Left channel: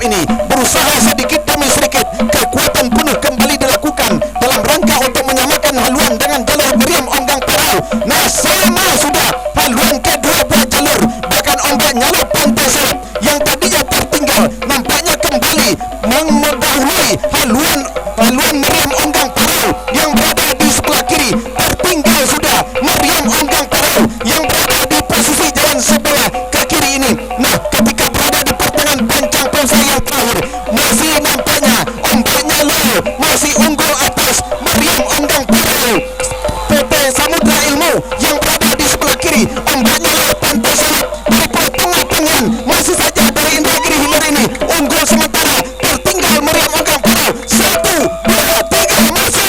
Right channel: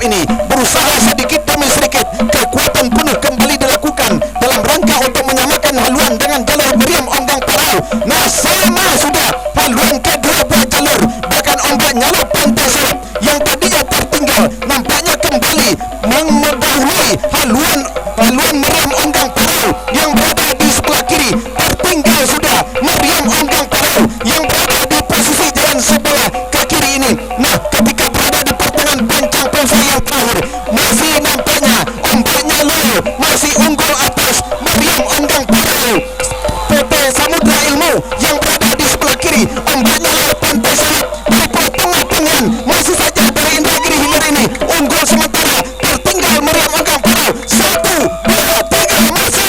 tanggungjawab ini berusaha sedikit demi sedikit kekuatan penuh kembali dilakukan dalam rangka untuk menyamakan haluan dengan jalur Meriam Onggang Parau. Nah, sama sudah haluan kedua buah jalur, bahkan ombak nyaluk pantai Selap yang tadinya tertinggal nampaknya kembali mendahului haluan Meriam Onggang Parau yang berada di sebelah kiri. Tertinggal sudah Meriam Onggang Parau yang berada di posisi jalan sebelah ke kiri ini. Nah, ketika berada di pertengahan pancang pemisah yang terakhir, masih nampaknya ombaknya low, masih unggul atas Meriam Onggang Parau. PT Samudra Ilmu yang berada di sebelah kiri, ombaknya low pantai Selap di pertengahan masih saja dari Indragiri Hilir ini unggul sementara. Tertinggal Meriam Onggang Parau. 1, 2, 3, masuk.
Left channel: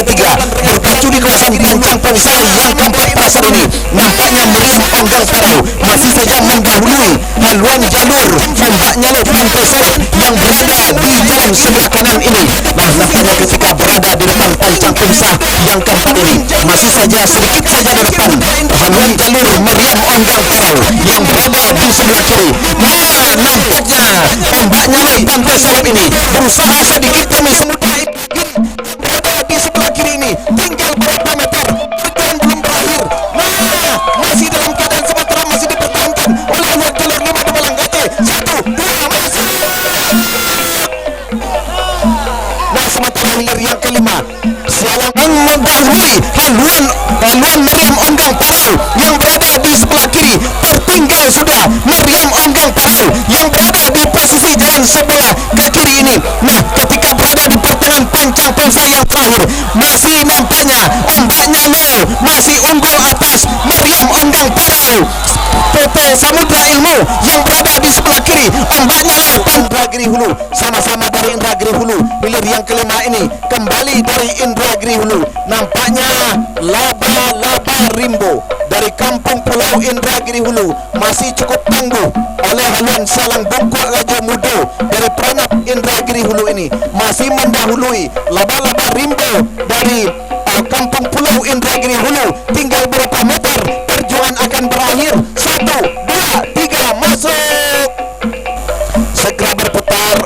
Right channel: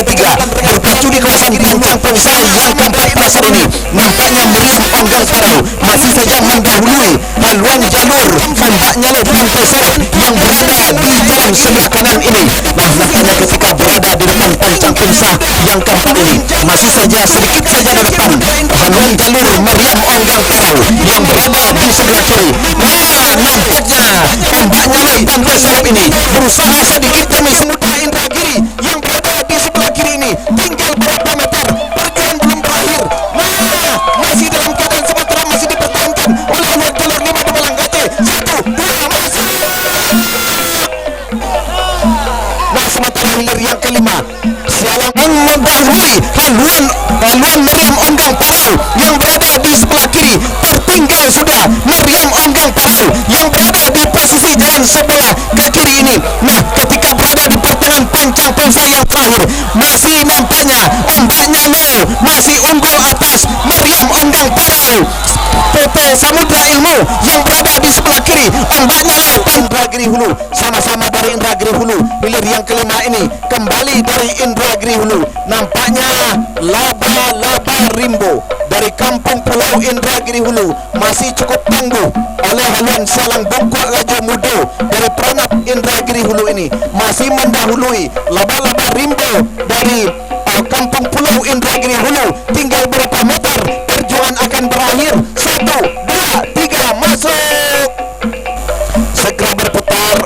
Kecamatan Rengat Barat Indragiri Hulu, sama-sama dari Indragiri Hulu. Nah, sama sudah haluan kedua buah jalur nampaknya terancam sudah. Juara bertahan Tua Kalajengking Muda Indragiri yang berada di posisi jalan sebelah kiri. Tertinggal sudah haluan jalur Tua Kalajengking Muda Indragiri yang berada di sebelah kiri ini. Nampaknya 5 di Balang Raja nampaknya mendahului haluan jalur Tua Kalajengking Muda Indragiri yang berada di sebelah kiri ini. Tinggal berapa meter, perjuangan belum berakhir. Nah, masih dalam keadaan sementara masih dipertahankan oleh haluan jalur 5 di Balang Raja. 1, 2, masuk. Nah, sementara hilir yang kelima Sialang Indragiri Hulu, sama-sama dari Indragiri Hulu. Hilir yang kelima ini kembali dari Indragiri Hulu. Nampaknya laba-laba Rimbo dari Kampung Pulau Indragiri Hulu masih cukup tangguh oleh haluan Sialang Bungkuk Raja Mudo dari Peranap Indragiri Hulu ini masih mendahului laba-laba Rimbo dari Kampung Pulau Indragiri Hulu. Tinggal berapa meter, perjuangan akan berakhir. 1, 2, 3, masuk. Segera berputar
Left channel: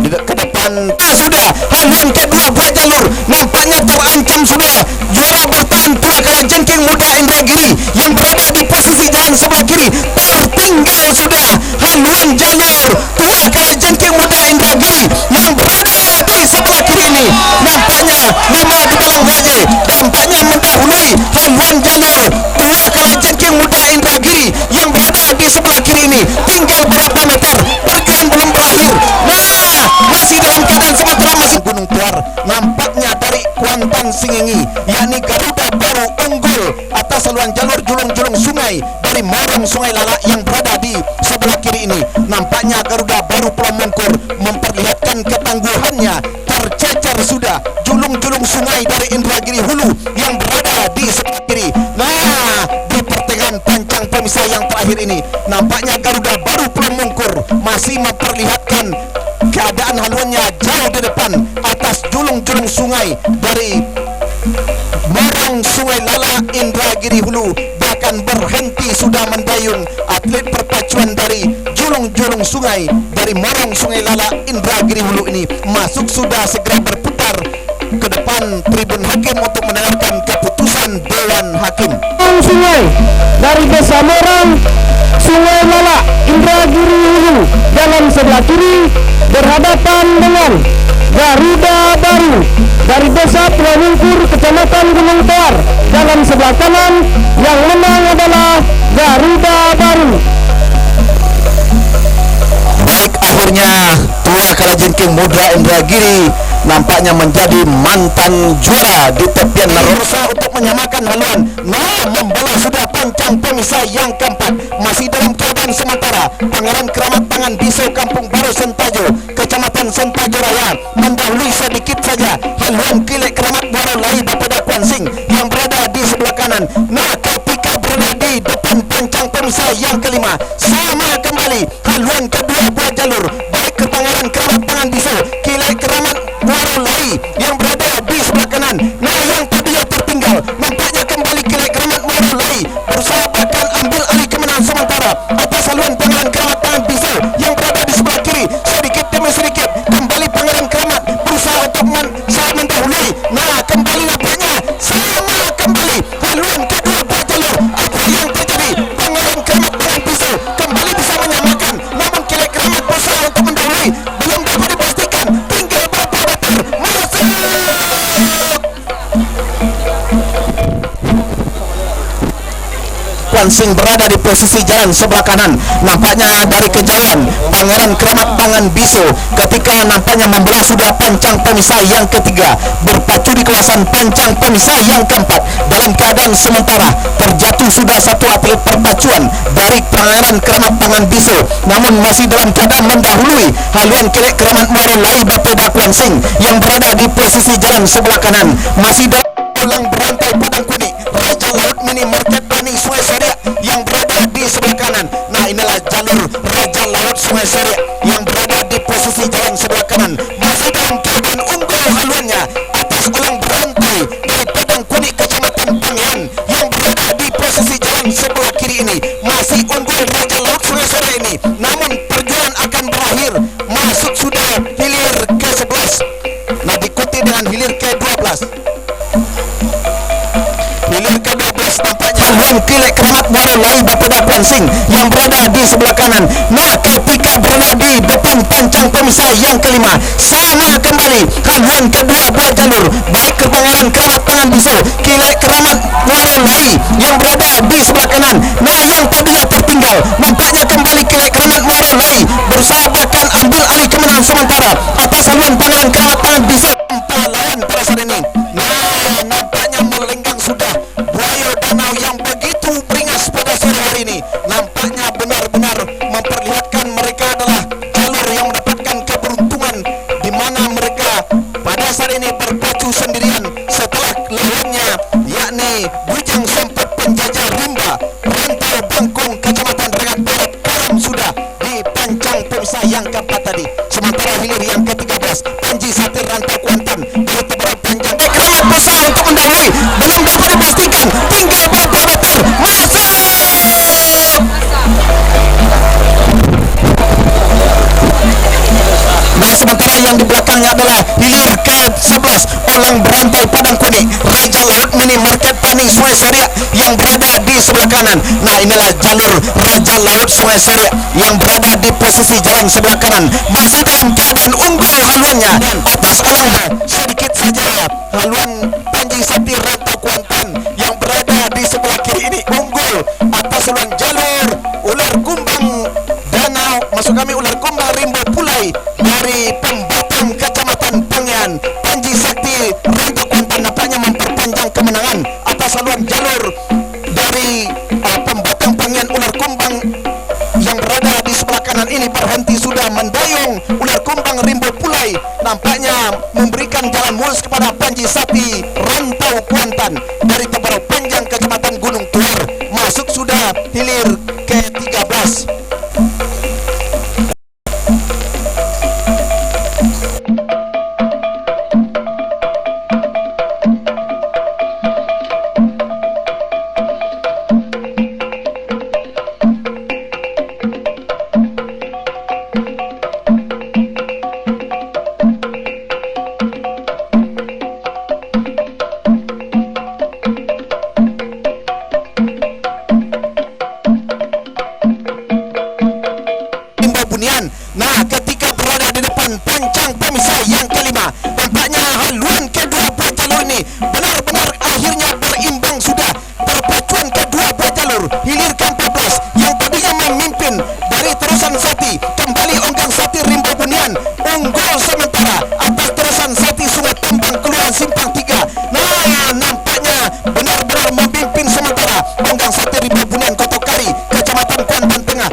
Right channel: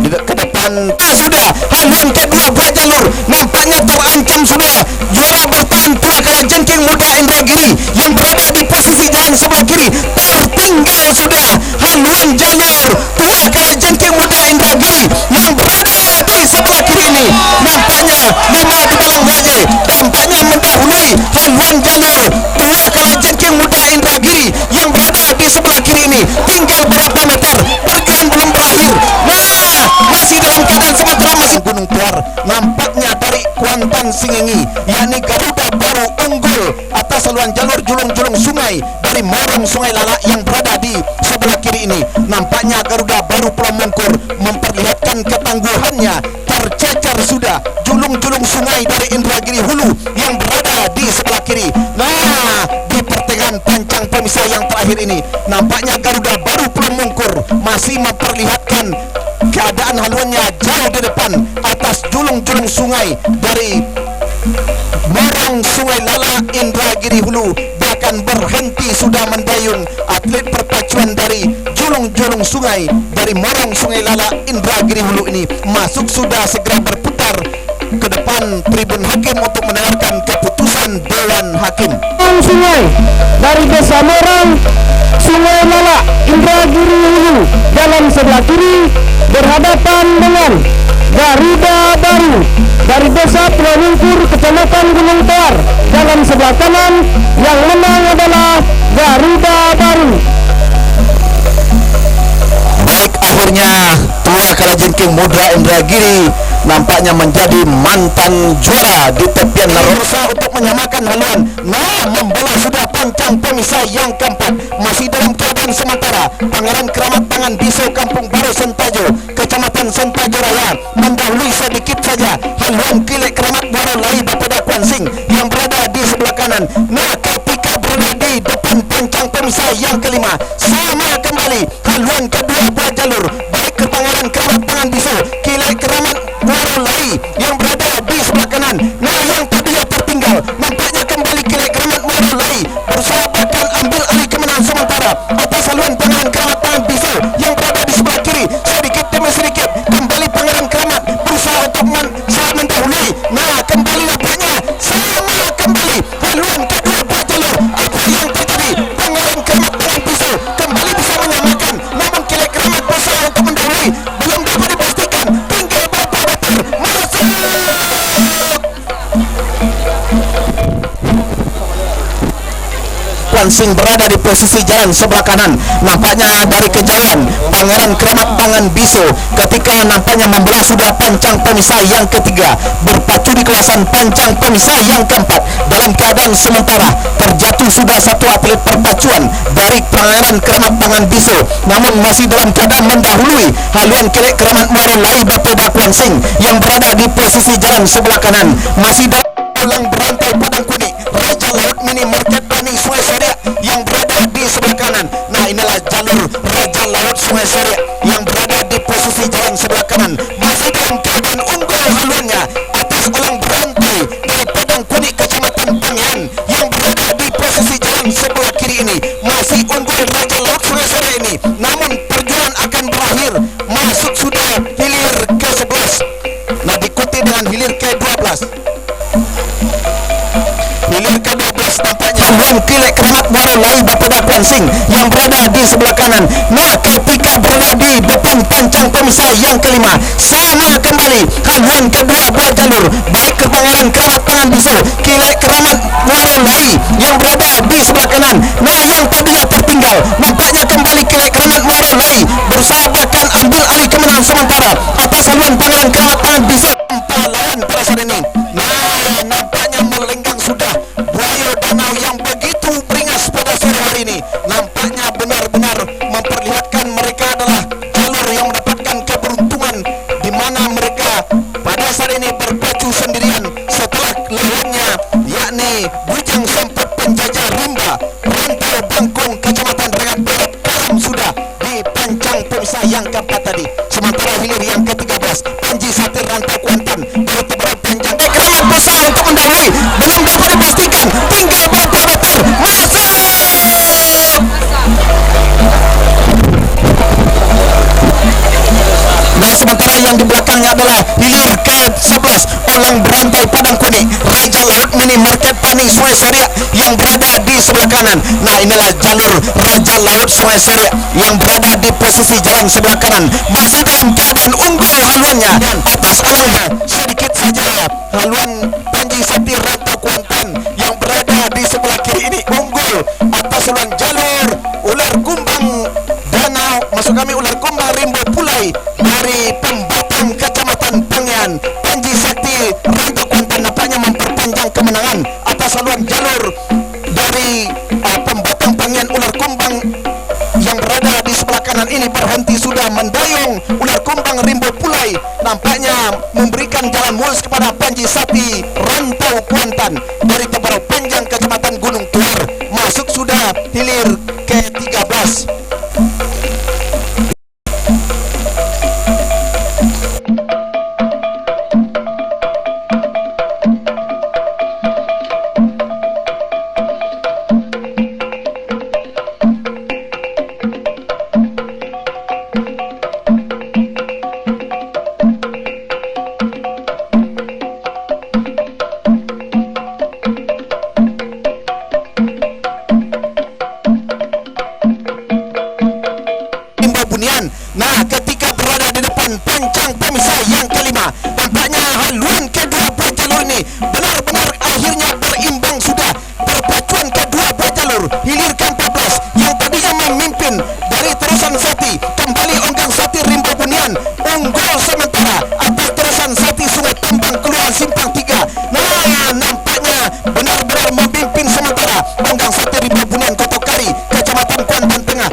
ke depan. Gunung Tuar nampaknya dari Kuantan Singingi, yakni Garuda baru unggul atas saluran jalur julung-julung sungai dari Morong Sungai Lala yang berada di sebelah kiri ini. Nampaknya Garuda baru Pulau Mongkur memperlihatkan ketangguhannya. Tercecer sudah julung-julung sungai dari Indragiri Hulu yang berada di sebelah kiri. Nah, di pertengahan pancang pemisah yang terakhir ini nampaknya Garuda baru Pulau Mongkur masih memperlihatkan keadaan haluannya jauh di depan atas julung-julung sungai dari Morong Sungai Lala Indragiri Hulu. Bahkan berhenti sudah mendayung atlet perpacuan dari julung-julung sungai dari Morong Sungai Lala Indragiri Hulu ini masuk sudah segera berputar ke depan tribun hakim untuk mendengarkan keputusan Dewan Hakim. berusaha untuk menyamakan haluan. Nah, membola sudah pancang pemisah yang keempat, masih dalam keadaan memimpin sementara Pangeran Keramat Tangan Biso Kampung Baru Sentajo, Kecamatan Sentajo Raya, mendahului sedikit saja haluan Kilek Keramat Baru Lai Bapada Kuansing yang berada di sebelah kanan. Nah, ketika berada di depan pancang pemisah yang kelima, sama kembali haluan kedua buah jalur, baik ke Pangeran Keramat Tangan Biso, Kilek Keramat Baru Lai yang berada di sebelah kanan. Nah, yang tadinya tertinggal, nampaknya kembali Kilek Keramat Baru Lai berusaha bahkan ambil alih kemenangan sementara atas haluan Pangeran Keramat Tangan Biso yang berada di sebelah kiri. Sedikit demi sedikit kembali Pangeran Keramat berusaha untuk mendahului. Nah, kembali nampaknya sama kembali haluan kedua buah jalur. Apa yang terjadi? Pangeran Keramat Tangan Biso kembali bisa menyamakan, namun Kilek Keramat berusaha untuk mendahului. Belum dapat dipastikan, tinggal berapa meter masuk. Pulang berantai Padang Kuni, Raja Laut Mini Market Tani Sungai Seria yang berada di sebelah kanan. Nah, inilah jalur Raja Laut Sungai Seria yang berada di posisi jalan sebelah kanan, masih dalam keadaan unggul haluannya atas ulang berantai dari Padang Kuni Kecamatan Pangian yang berada di posisi jalan sebelah kiri ini. Masih unggul Raja Laut Sungai Seria ini, namun perjuangan akan berakhir. Masuk sudah hilir ke-11, nah diikuti dengan hilir ke-12. Hilir ke-12 nampaknya lawan pada saat ini. Nah, nampaknya melenggang sudah buaya danau yang begitu beringas pada sore hari ini. Nampaknya benar-benar memperlihatkan mereka adalah jalur yang mendapatkan keberuntungan, di mana mereka pada saat ini berpacu sendirian setelah lawannya, yakni Bujang Sempat Penjajah Rimba Rantau Bangkong Kecamatan Rengat Barat karam sudah di pancang pemisah yang keempat tadi. Sementara hilir yang ke-13 Panji Satir Rantau Kuantan dari Tebarat Panjang. Nampaknya sedikit saja haluan Panji Satir Rantau Kuantan yang berada di sebelah kiri ini unggul atas haluan jalur ular kumbang danau, maksud kami ular kumbang Rimbo Pulai dari Pembatang Kecamatan Pangian. Panji Satir Rantau Kuantan nampaknya memperpanjang kemenangan atas haluan jalur dari Pembatang Pangian ular kumbang yang berada di sebelah kanan ini berhenti sudah mendayung ular kumbang Rimbo Pulai, nampaknya memberikan jalan mulus kepada Panji Satir Rantau Kuantan dari Tebarau Panjang Kecamatan Gunung Tuar. Masuk sudah hilir ke-13. Nah, ketika berada di depan pancang pemisah yang kelima, tampaknya haluan kedua buah jalur ini benar-benar akhirnya berimbang sudah. Perpacuan kedua buah jalur hilir ke-14 yang tadinya memimpin dari Terusan Sati, kembali Onggang Sati Rimba Bunian unggul sementara atas Terusan Sati Sungai Tambang Kelurahan Simpang 3. Nah, nampaknya benar-benar memimpin sementara Onggang Sati Rimba Bunian Kotokari Kecamatan Kuantan Tengah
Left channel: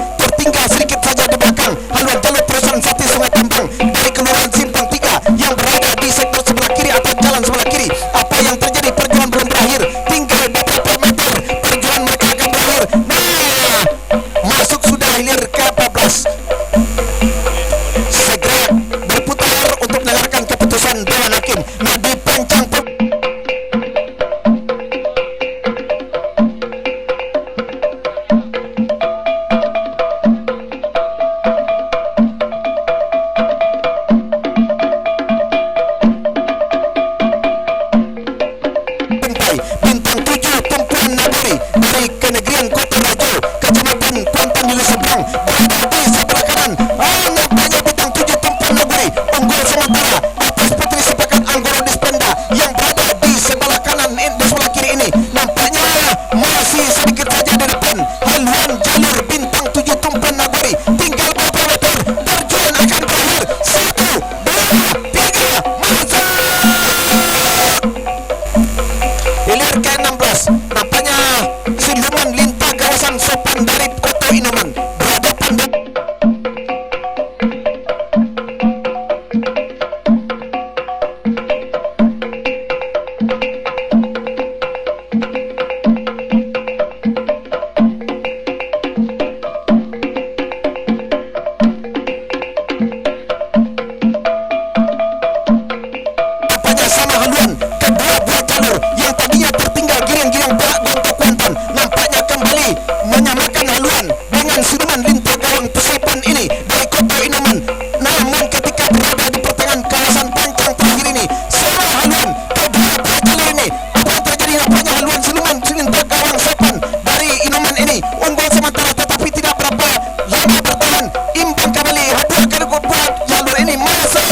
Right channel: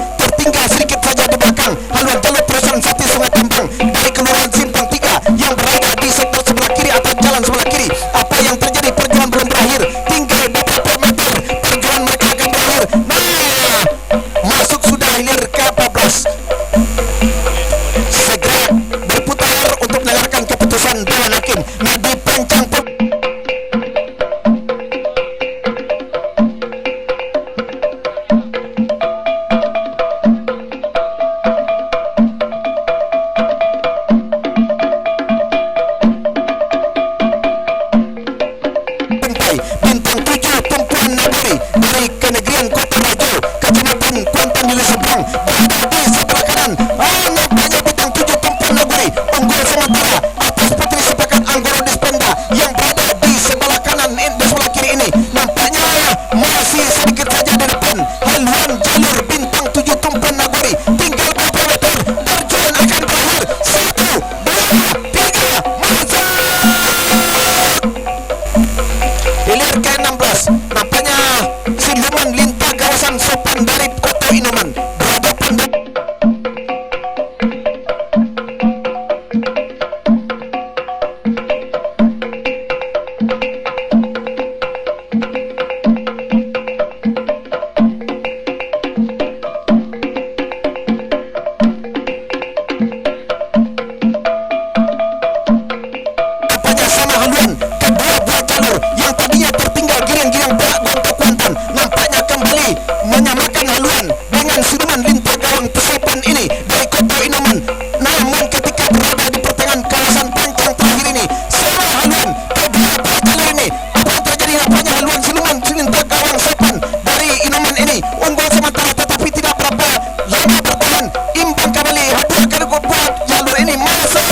Inoman ini dari kota Inoman. Namun ketika berada di pertengahan kawasan pancang terakhir ini, salah haluan kedua jalur ini. Apa yang terjadi? Nampaknya haluan siluman selintar gawang Sopan dari Inoman ini unggul sementara, tetapi tidak berapa lama bertahan, imbang kembali. Haduh akan buat jalur ini masuk.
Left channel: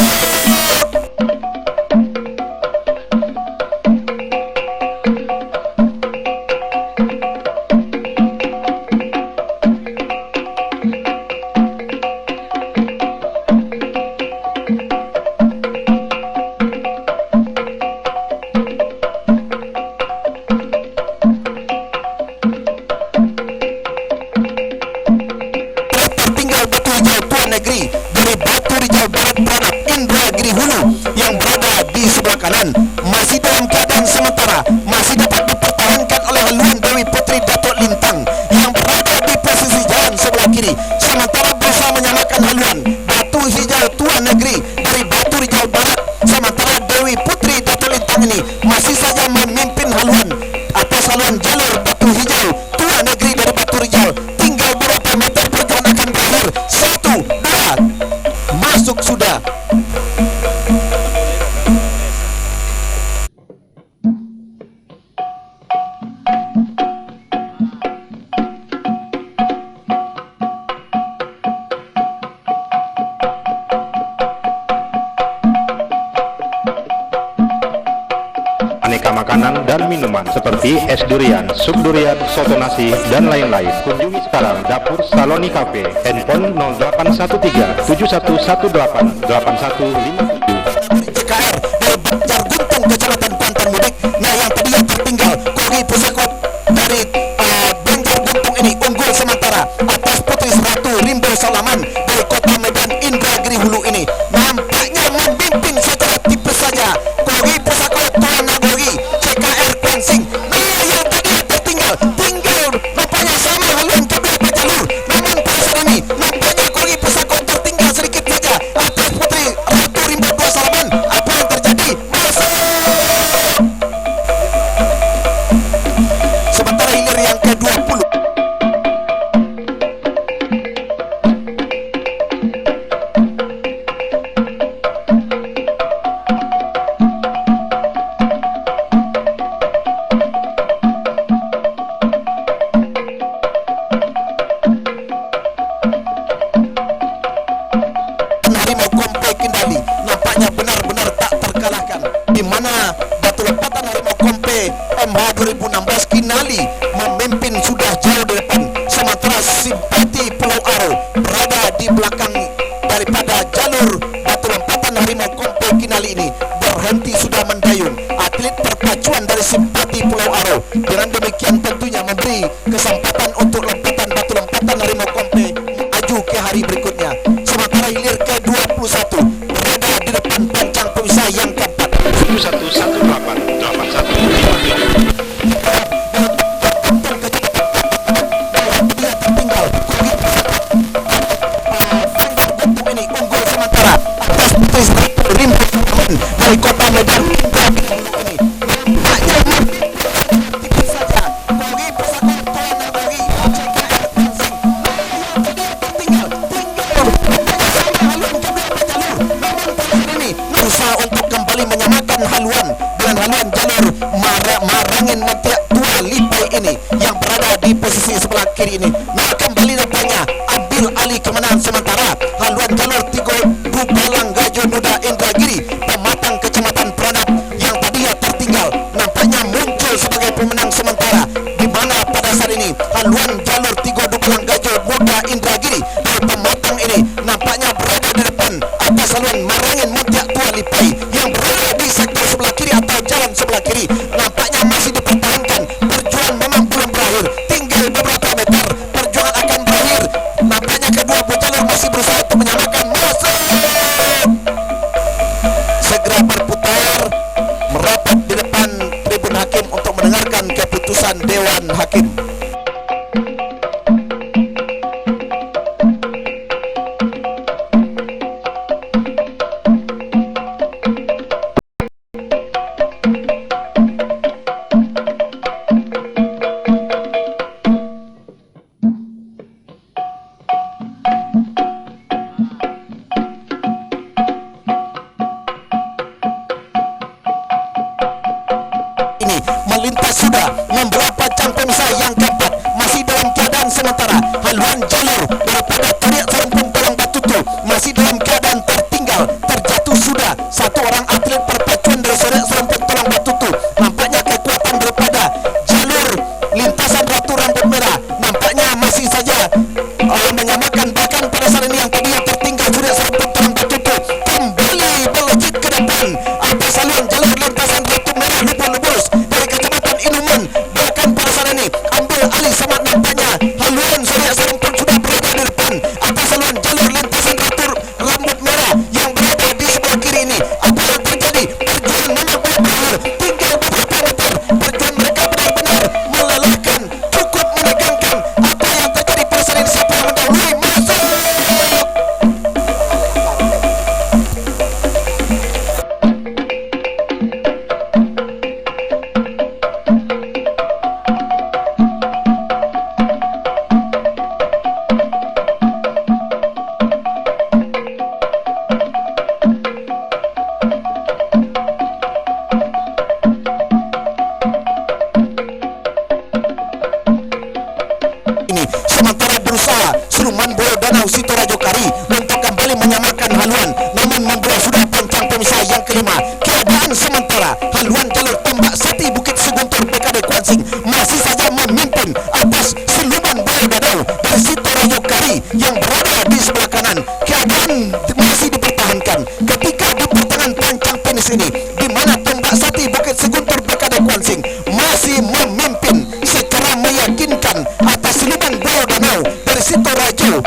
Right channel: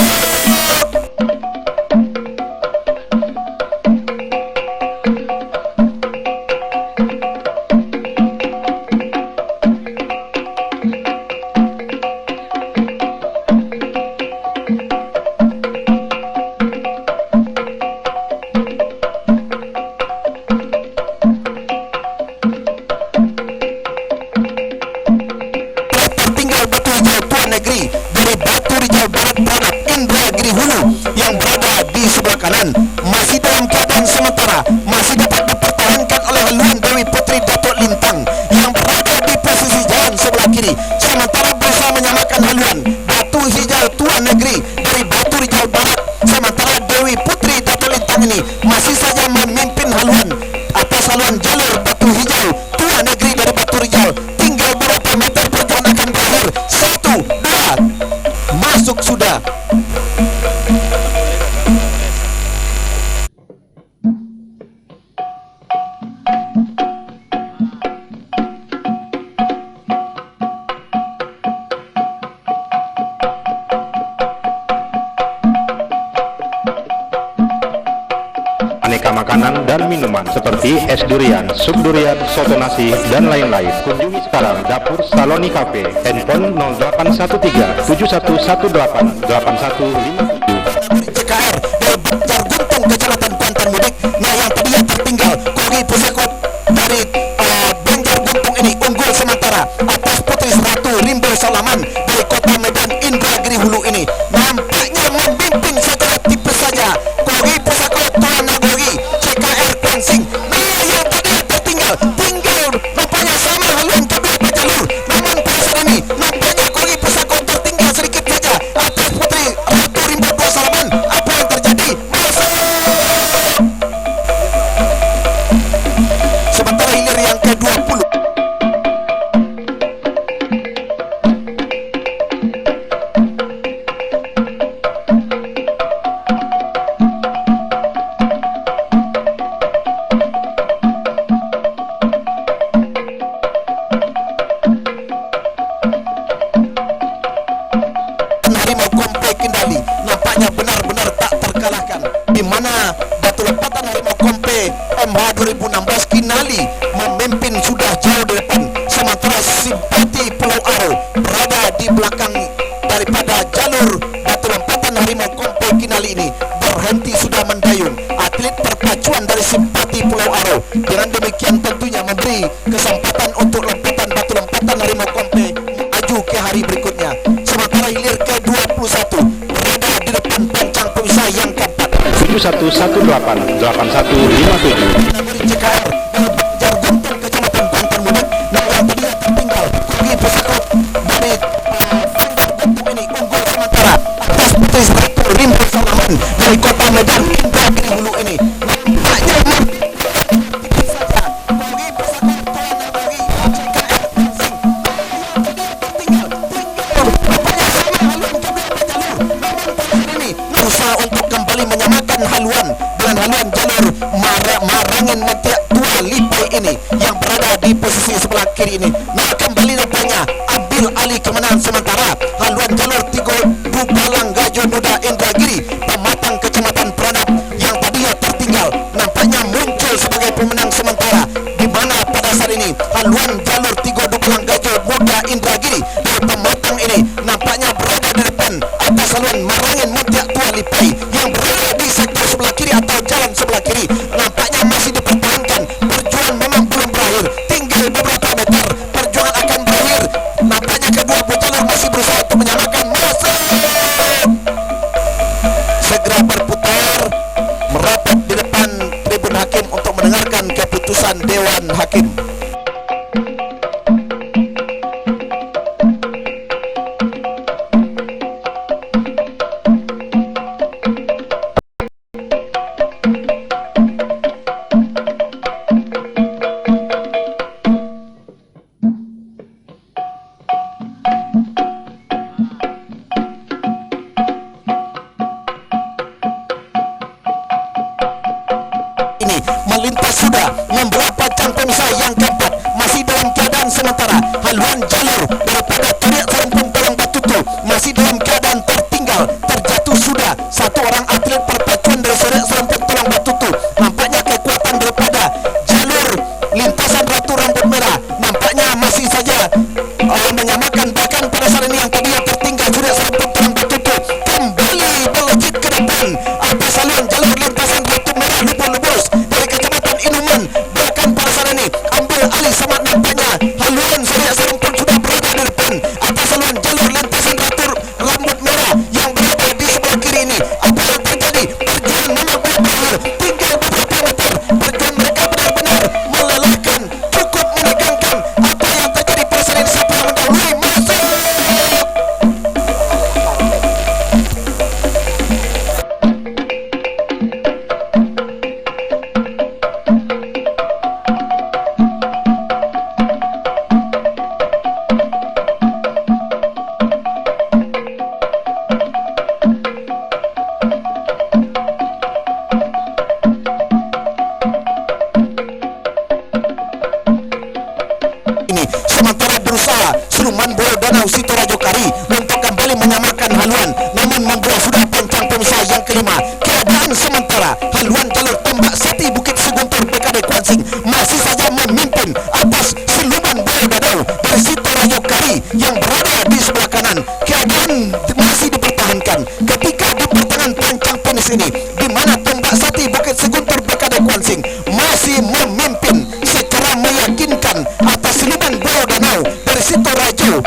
Negeri dari Batu Rijal Barat Pranab Indragiri Hulu yang berada di sebelah kanan masih dalam keadaan sementara, masih dapat dipertahankan oleh haluan Dewi Putri Datuk Lintang yang berada di posisi jalan sebelah kiri, sementara berusaha menyamakan haluan Batu Hijau Tuan Negeri dari Batu Rijal Barat, sementara Dewi Putri Datuk Lintang ini masih saja memimpin haluan atas haluan jalur Batu Hijau Tuan Negeri dari Batu Rijal. Tinggal beberapa meter perjalanan akan berakhir. 1, 2, masuk sudah. Aneka makanan dan minuman seperti es durian, sup durian, soto nasi, dan lain-lain. Kunjungi sekarang Dapur Saloni Cafe, handphone 0813 7118 8157. CKR dari Banjar Guntung, Kecamatan Kuantan Mudik. Nah, yang tadinya tertinggal Kogi Pusakot dari Banjar Guntung ini unggul sementara atas Putri Ratu Rimbo Salaman dari Kota Medan Indragiri Hulu ini. Nampaknya memimpin secara tipis saja Kogi Pusakot Tuan Nagogi CKR Kwansing. Nah, yang tadinya tertinggal tinggal nampaknya sama haluan kedua jalur. Namun pada saat ini nampaknya Kogi Pusakot tertinggal sedikit saja atas Putri Ratu Rimbo Salaman. Apa yang terjadi? Masuk. Sementara hilir yang ke-20 Harimau Kompe Kendali nampaknya benar-benar tak terkalahkan, di mana batu lompatan Harimau Kompe MH 2016 Kinali memimpin sudah jauh di depan, sementara Simpati Pulau Aro berada di belakang daripada jalur batu lompatan Harimau Kompe Kinali ini berhenti sudah mendayung. Atlet perpacuan dari Simpati Pulau Aro dengan demikian tentunya memberi kesempatan untuk lompatan batu lompatan Harimau Kompe maju ke hari berikutnya. Sementara hilir ke-21 berada di depan pancang pemisah yang keempat 7118 8157. CKR dari Banjar Guntung, Kecamatan Kuantan Mudik. Nah, yang tadinya tertinggal Kogi Pusakot dari Banjar Guntung ini unggul sementara atas Putri Ratu Rimbo Salaman dari Kota Medan Indragiri Hulu ini. Hanya tipis saja Kogi Pusakot Tuan Nagogi CKR Kwansing. Berusaha untuk kembali menyamakan haluan dengan haluan jalur Marangin Mentiak Tua Lipai ini yang berada di posisi sebelah kiri ini. Nah, kembali nampaknya ambil alih kemenangan sementara haluan jalur Tigo Dubalang Gajo Nuda Indragiri Pematang Kecamatan Pranab yang tadinya tertinggal nampaknya muncul sebagai pemenang sementara, di mana pada saat ini haluan jalur Tigo Dubalang Gajo Muda Indragiri dari Pematang ini nampaknya berada di depan atas haluan Marangin Mentiak Tua Lipai yang berada di sektor sebelah kiri atau jalan sebelah kiri. Nampaknya masih dipertahankan, perjuangan memang belum berakhir, tinggal beberapa meter perjuangan akan berakhir. Nampaknya kedua jalur masih berusaha untuk menyamakan. Masuk segera berputar merapat di depan tribun hakim untuk mendengarkan keputusan Dewan Hakim. ini yang tadinya tertinggal sudah serempet terlambat tutup kembali melejit ke depan atas saluran jalur lintasan Ratu Merah Lubus dari Kecamatan Inuman. Bahkan pada saat ini ambil alih sama nampaknya haluan Surya Sarum pun sudah berada di depan atas saluran jalur lintasan Ratu Rambut Merah yang berada di sebelah kiri ini. Apa yang terjadi? Perjuangan memang berakhir, tinggal beberapa meter. Perjuangan mereka benar-benar melelahkan, cukup menegangkan. Apa yang terjadi pada saat ini? Siapa yang mendahului? Masuk! Sementara berusaha Siluman Boyo Danau Sitorajo Kari untuk kembali menyamakan haluan, namun membuat sudah pancang pemisah yang kelima. Keadaan sementara haluan jalur Tambak Sati Bukit Seguntur BKD Kuansing masih saja memimpin atas Siluman Boyo Danau dari Sitorajo Kari yang berada di sebelah kanan. Keadaan masih dipertahankan ketika di pertengahan pancang finish ini, di mana Tambak Sati Bukit Seguntur BKD Kuansing masih memimpin secara meyakinkan atas Siluman Boyo Danau dari Sitorajo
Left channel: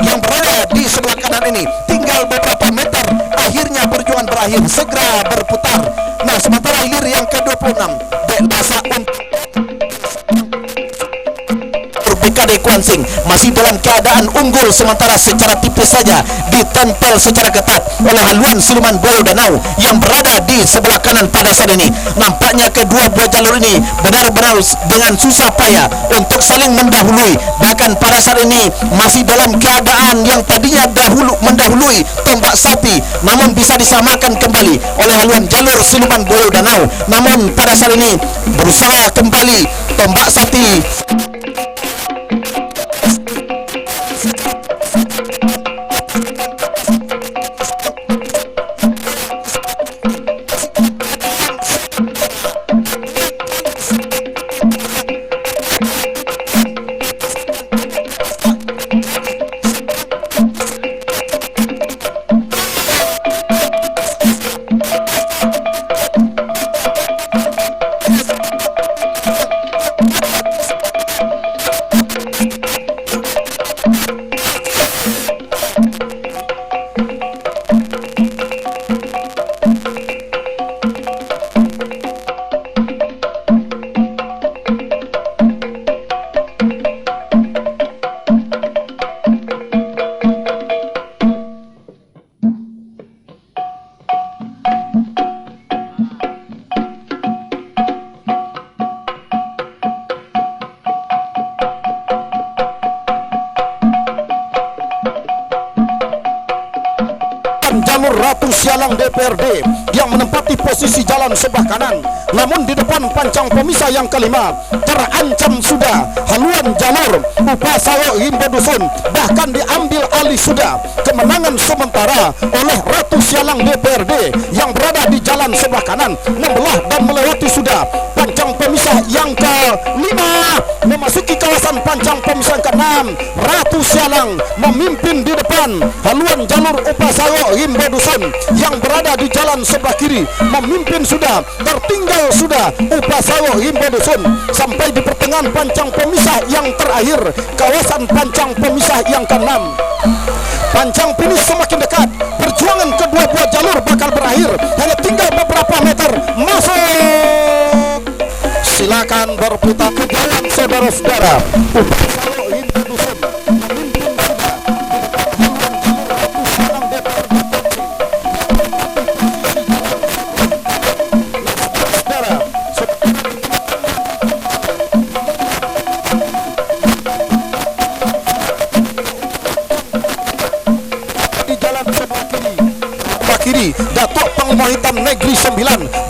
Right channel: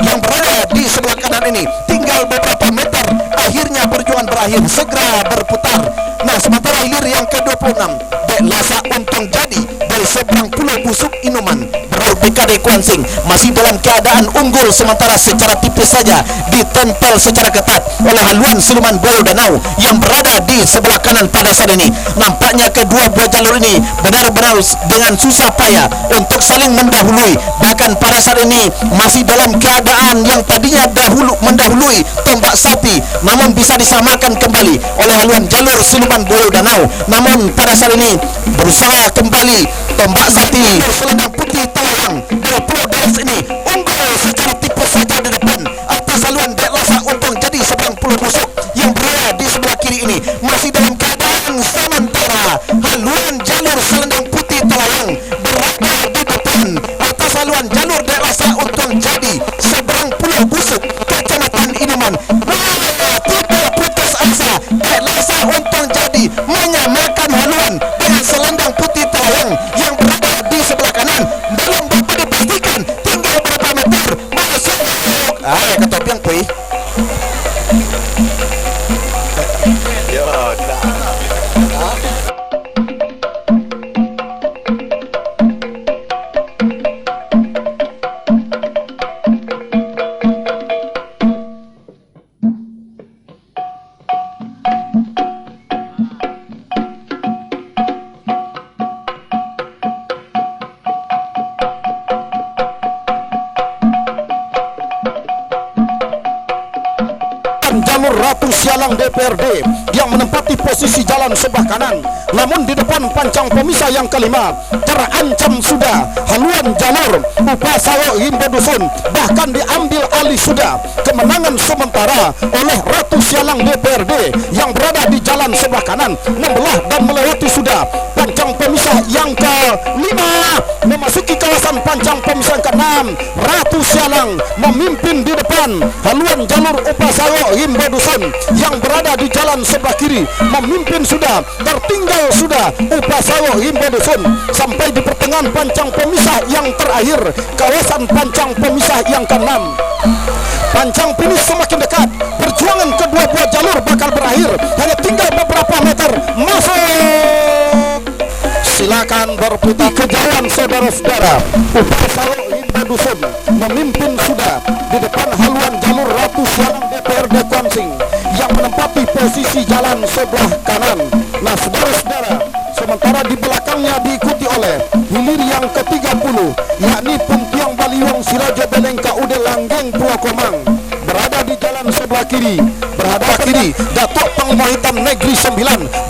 yang berada di sebelah kanan ini. Tinggal beberapa meter, akhirnya perjuangan berakhir, segera berputar. Nah, sementara hilir yang ke-26 Dek Lasa Untung Jadi dari seberang Pulau Busuk Inuman berada Selendang Putih Tawang dari Pulau Deras ini unggul secara tipis saja di depan atas haluan Dek Lasa Untung Jadi seberang Pulau Busuk yang berada di sebelah kiri ini. Masih dalam keadaan sementara haluan jalur Selendang Putih Tawang berada di depan atas haluan jalur Dek Lasa Untung Jadi seberang Pulau Busuk Kecamatan Inuman. Tidak putus asa, Dek Lasa Untung Jadi menyamakan haluan dengan Selendang Putih Tawang yang berada di sebelah kanan. Belum dapat dipastikan, tinggal berapa meter masuk. Ketopian kuy. Jalur Ratu Sialang DPRD yang menempati posisi jalan sebelah kanan, namun di depan pancang pemisah yang kelima terancam sudah haluan jalur Upasawo Himbo Dusun, bahkan diambil alih sudah. Kemenangan sementara oleh Ratu Sialang DPRD yang berada di jalan sebelah kanan membelah dan melewati sudah pancang pemisah yang kelima, memasuki kawasan pancang pemisah yang keenam. Ratu Sialang memimpin di depan haluan jalur Upasawo Himbo Dusun yang berada di jalan sebelah kiri memimpin sudah, tertinggal sudah Upasawo Himbo Dusun sampai di pertengahan pancang pemisah yang terakhir, kawasan pancang pemisah yang keenam. Pancang finish semakin dekat, perjuangan kedua buah jalur bakal berakhir, hanya tinggal beberapa meter masuk. Silakan berputar ke jalan saudara-saudara. Upasawo Himbo Dusun memimpin sudah di depan haluan jalur Ratu Sialang DPRD Kuansing yang menempati posisi jalan sebelah kanan. Nah, saudara-saudara, sementara di belakangnya diikuti oleh hilir yang ke-30 yakni Puntiang Baliwang Sirajo Beleng KUD Langgeng Pulau Komang berada di jalan sebelah kiri. Datuk Panglima Hitam Negeri 9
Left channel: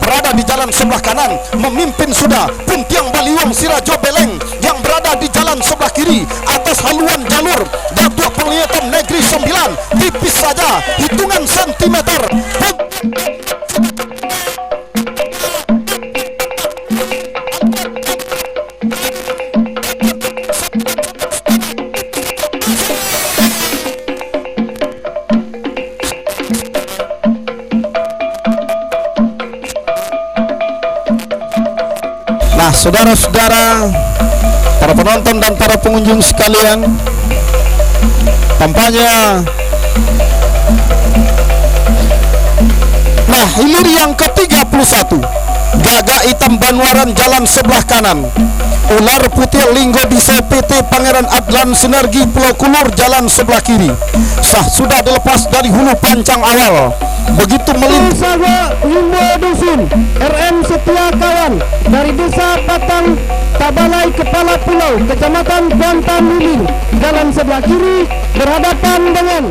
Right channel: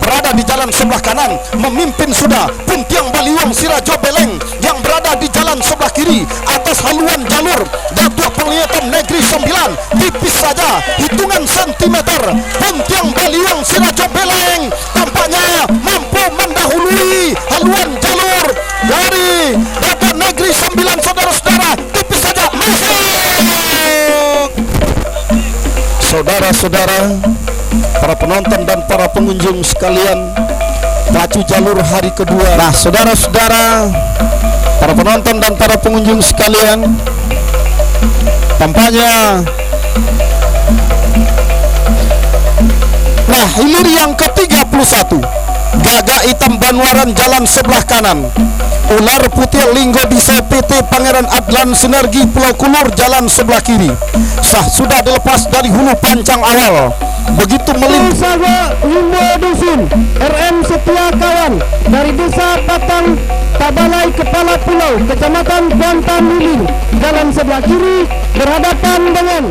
berada di jalan sebelah kanan memimpin sudah Puntiang Baliwang Sirajo Beleng yang berada di jalan sebelah kiri atas haluan jalur Datuk Panglima Hitam Negeri 9 tipis saja hitungan sentimeter. Puntiang Baliwang Sirajo Beleng tampaknya mampu mendahului haluan jalur dari Datuk Negeri 9, saudara-saudara, tipis saja masuk. Saudara-saudara, para penonton dan para pengunjung sekalian, pacu jalur hari kedua Saga Limbo Dusun RM Setia Kawan dari Desa Patang Tabalai Kepala Pulau Kecamatan Kuantan Wiling jalan sebelah kiri berhadapan dengan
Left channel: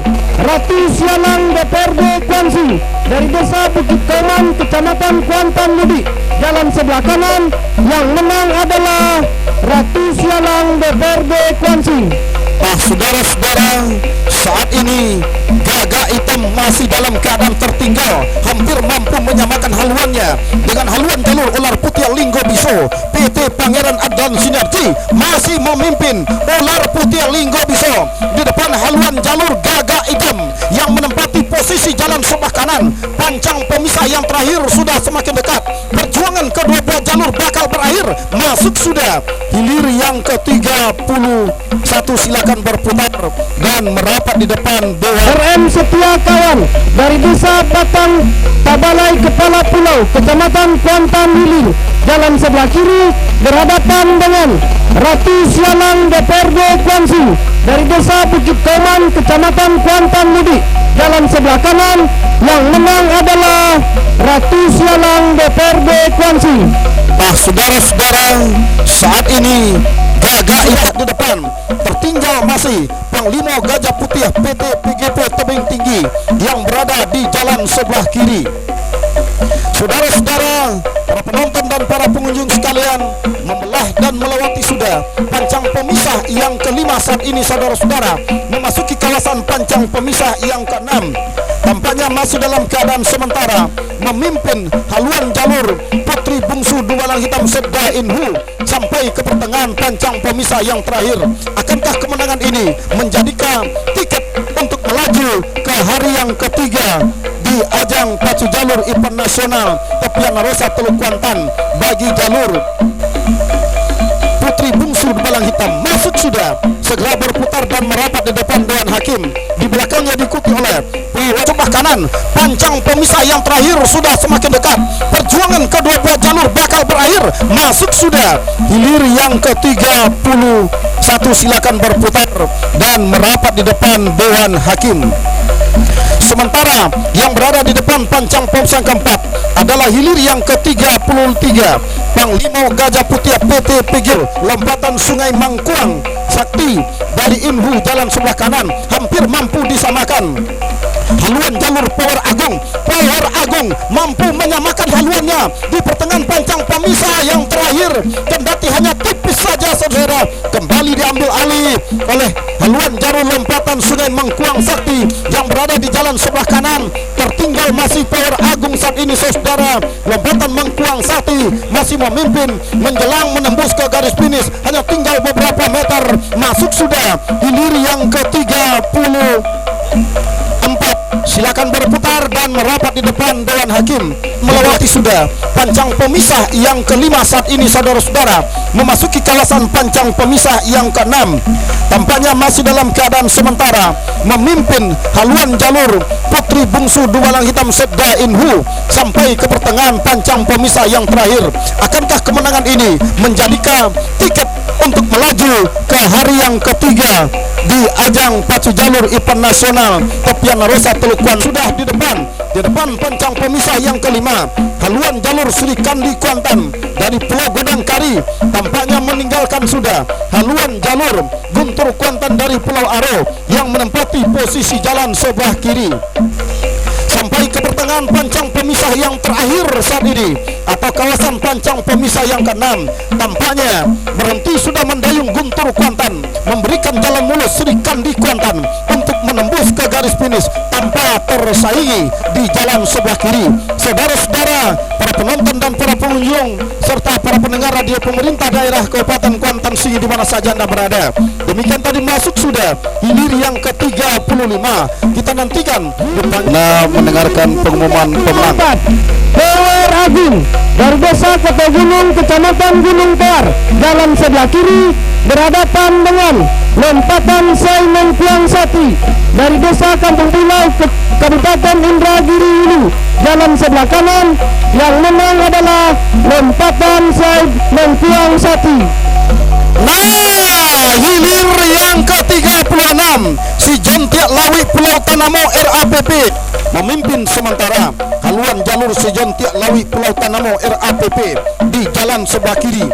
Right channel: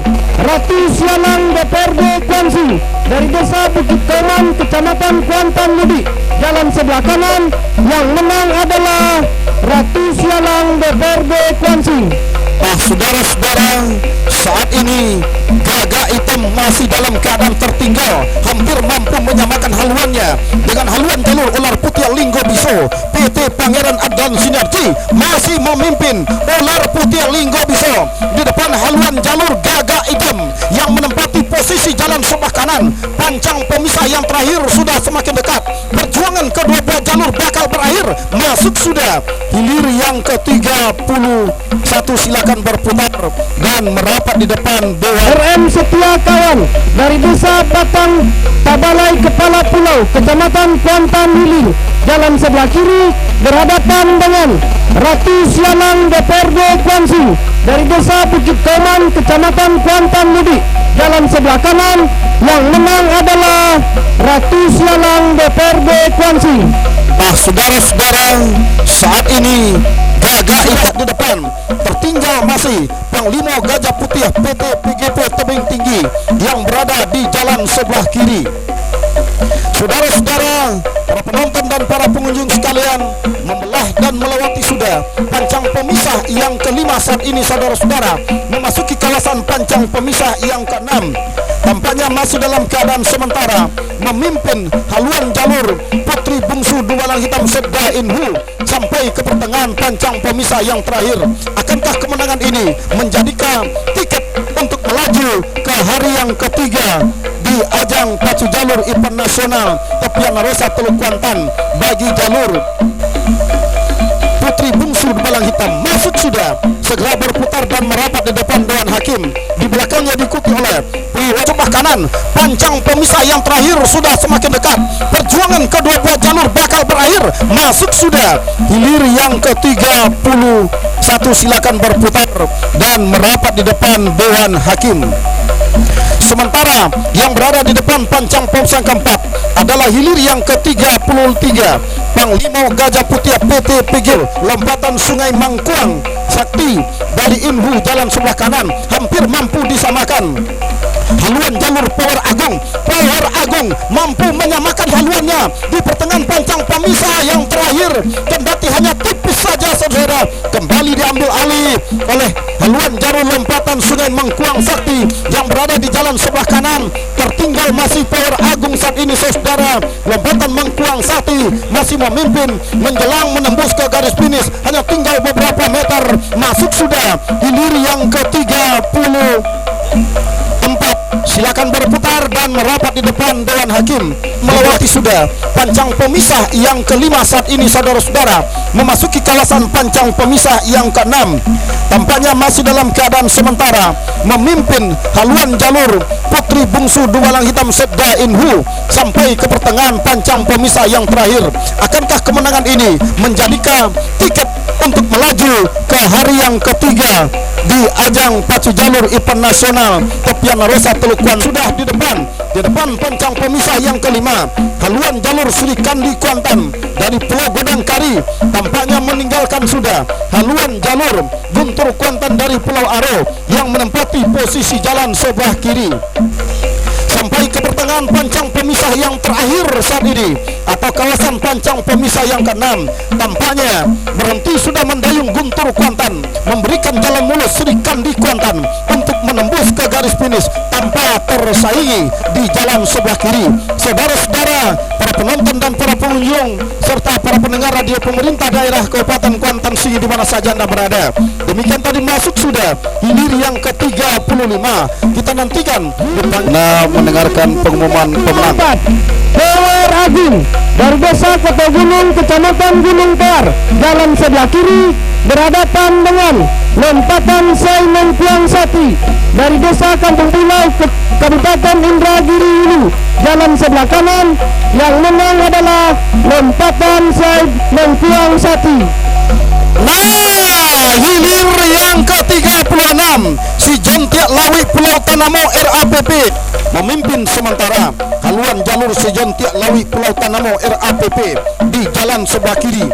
Ratu Sialang DPRD Kuansi dari Desa Bukit Kauman Kecamatan Kuantan Mudik jalan sebelah kanan. Yang menang adalah Ratu Sialang DPRD Kuansi. Saudara-saudara, saat ini Gagak Hitam masih dalam keadaan tertinggal, hampir mampu menyamakan haluannya dengan haluan jalur ular putih Linggo Biso. PT Pangeran Adlan Sinergi masih memimpin ular putih Linggo Biso di depan haluan jalur Gagak Hitam yang menempati posisi jalan sebelah kanan. Pancang pemisah yang terakhir sudah semakin dekat. Perjuangan kedua belah jalur bakal berakhir. Masuk sudah hilir yang ke-31, silakan berputar dan merapat di depan Dewan. Di depan tertinggal masih Panglima Gajah Putih PT PGP Tebing Tinggi yang berada di jalan sebelah kiri. Saudara-saudara, para penonton dan para pengunjung sekalian, membelah dan melewati sudah pancang pemisah yang kelima saat ini. Saudara-saudara, memasuki kawasan pancang pemisah yang keenam. Tampaknya masih dalam keadaan sementara memimpin haluan jalur Putri Bungsu Dumalang Hitam Sedda Inhu sampai ke pertengahan pancang pemisah yang terakhir. Akankah kemenangan ini menjadikan tiket untuk melaju ke hari yang ketiga di ajang pacu jalur event nasional Tepian Rosa Teluk Kuantan bagi jalur Putri Bungsu Dumalang Hitam? Masuk sudah, segera berputar dan merapat di depan Dewan Hakim. Di belakangnya diikuti oleh Priwet lompatan Sungai Mangkuang Sakti dari Inhu jalan sebelah kanan hampir mampu disamakan. Haluan jalur Power Agung mampu menyamakan haluannya di pertengahan pancang pemisah yang terakhir, kendati hanya tipis saja. Saudara, kembali diambil alih oleh haluan jalur lompatan Sungai Mangkuang Sakti yang berada di jalan sebelah kanan. Tertinggal masih Power Agung saat ini. Saudara, lompatan Mangkuang Sakti masih memimpin menjelang menembus ke garis finish, hanya tinggal beberapa meter. Masuk sudah hilir yang ke-34. Silakan berputar dan merapat di depan Dewan Hakim. Di belakang di depan pancang pemisah yang kelima, haluan jalur Sri Kandi Kuantan dari Pulau Godangkari tampaknya meninggalkan sudah haluan jalur Guntur Kuantan dari Pulau Aro yang menempati posisi jalan sebelah kiri. Sampai ke pertengahan pancang pemisah yang terakhir saat ini atau kawasan pancang pemisah yang ke-6, tampaknya berhenti sudah mendayung Guntur Kuantan, memberikan jalan mulus Sri Kandi Kuantan untuk menembus ke garis finish tanpa tersaingi di jalan sebelah kiri. Saudara-saudara, para penonton dan para pengunjung serta para pendengar radio pemerintah daerah Kabupaten Kuantan Sengi di mana saja Anda berada, demikian tadi masuk sudah hilir yang ke-35. Kita nantikan depan memimpin sementara haluan jalur Sejontiak Lawi Pulau Tanamo RAPP di jalan sebelah kiri.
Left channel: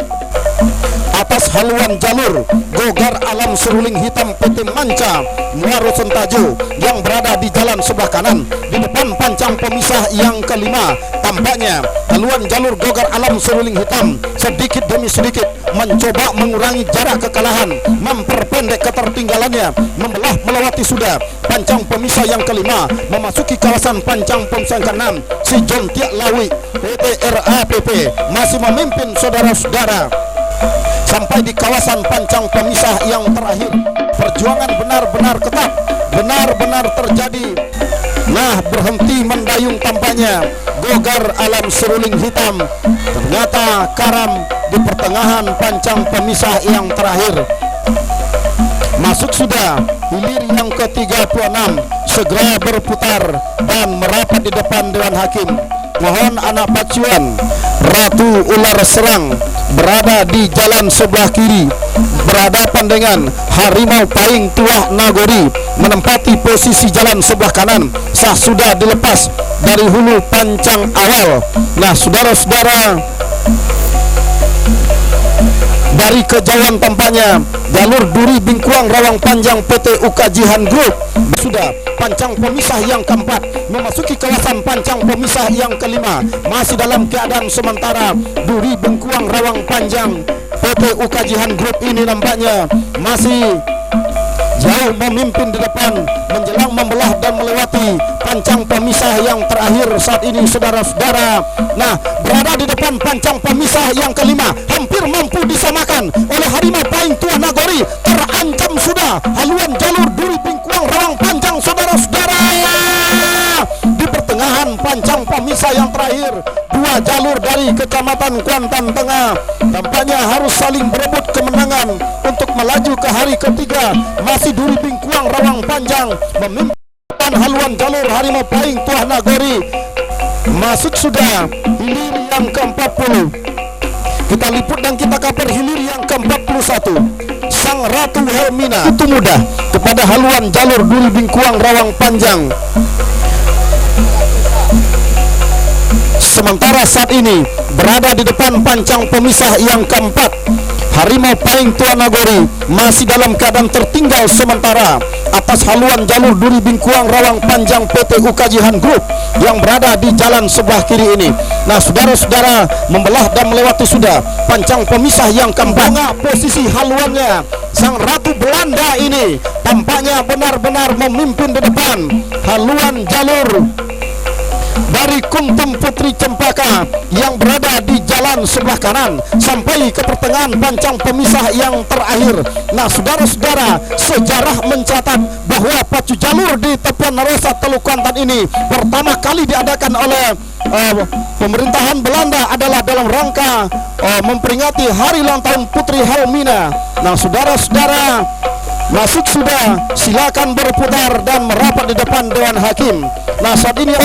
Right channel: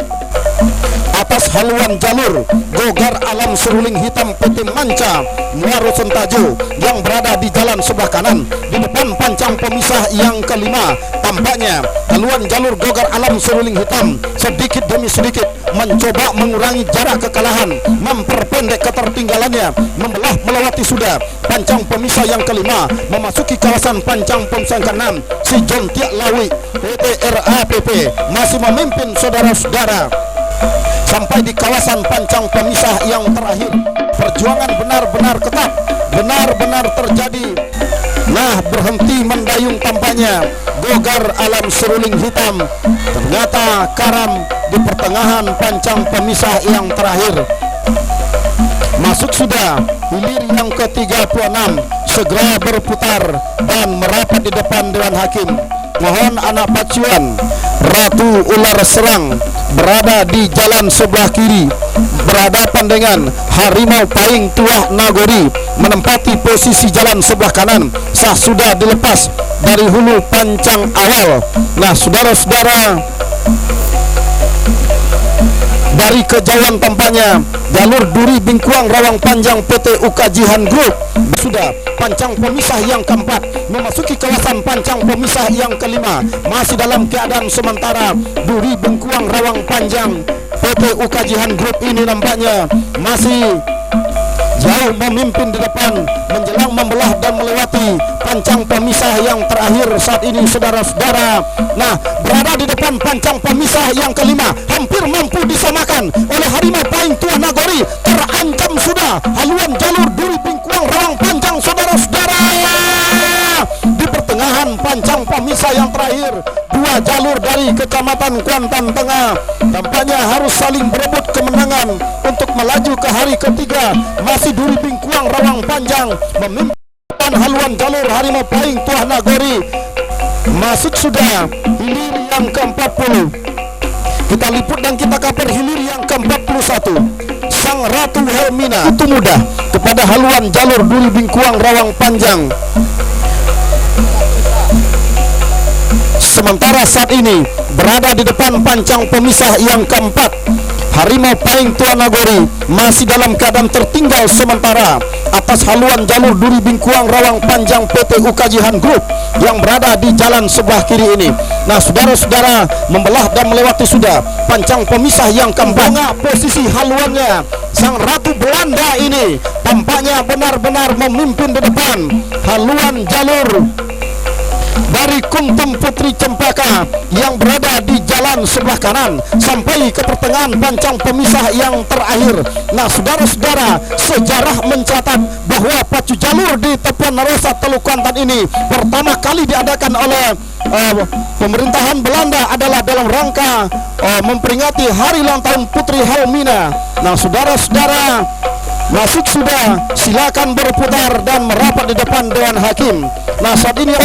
Atas haluan jalur Gogar Alam Seruling Hitam PT Manca Muaro Sentajo yang berada di jalan sebelah kanan di depan pancang pemisah yang kelima. Tampaknya haluan jalur Gogar Alam Seruling Hitam sedikit demi sedikit mencoba mengurangi jarak kekalahan, memperpendek ketertinggalannya, membelah melewati sudah pancang pemisah yang kelima, memasuki kawasan pancang pemisah ke-6 Sejontiak Lawi PT RAPP masih memimpin saudara-saudara sampai di kawasan pancang pemisah yang terakhir. Perjuangan benar-benar ketat, benar-benar terjadi. Nah, berhenti mendayung tampaknya Gogar Alam Seruling Hitam ternyata karam di pertengahan pancang pemisah yang terakhir. Masuk sudah hilir yang ke-36, segera berputar dan merapat di depan Dewan Hakim. Mohon anak Pacua pancang pemisah yang keempat memasuki kawasan pancang pemisah yang kelima, masih dalam keadaan sementara. Duri Bengkuang Rawang Panjang PT Ukajihan Group ini nampaknya masih jauh memimpin di depan menjelang membelah dan melewati pancang pemisah yang terakhir saat ini, saudara-saudara. Nah, berada di depan pancang pemisah yang kelima, hampir mampu disamakan oleh Harimau Pahing Tuah Nagori. Terancam sudah haluan jalur Duri Bengkuang Rawang Panjang, saudara-saudara. Di pertengahan pancang pemisah yang terakhir, dua jalur dari Kecamatan Kuantan Tengah tampaknya harus saling berebut kemenangan untuk melaju ke hari ketiga. Masih Duri Bengkuang Rawang Panjang memimpin haluan jalur Harimau Pahing Tuah Nagori. Masuk sudah hilir yang ke-40. Kita liput dan kita kabar hilir yang ke-41, Sang Ratu Helmina. Posisi haluannya Sang Ratu Belanda ini tampaknya benar-benar memimpin di depan haluan jalur dari Kuntum Putri Cempaka yang berada di jalan sebelah kanan sampai ke pertengahan pancang pemisah yang terakhir. Nah, saudara-saudara, sejarah mencatat bahwa pacu jalur di Tepuan Narosa Teluk Kuantan ini pertama kali diadakan oleh pemerintahan Belanda adalah dalam rangka memperingati hari ulang tahun Putri Helmina. Nah, saudara-saudara, masuk sudah, silakan berputar dan merapat di depan Dewan Hakim. Nah, saat ini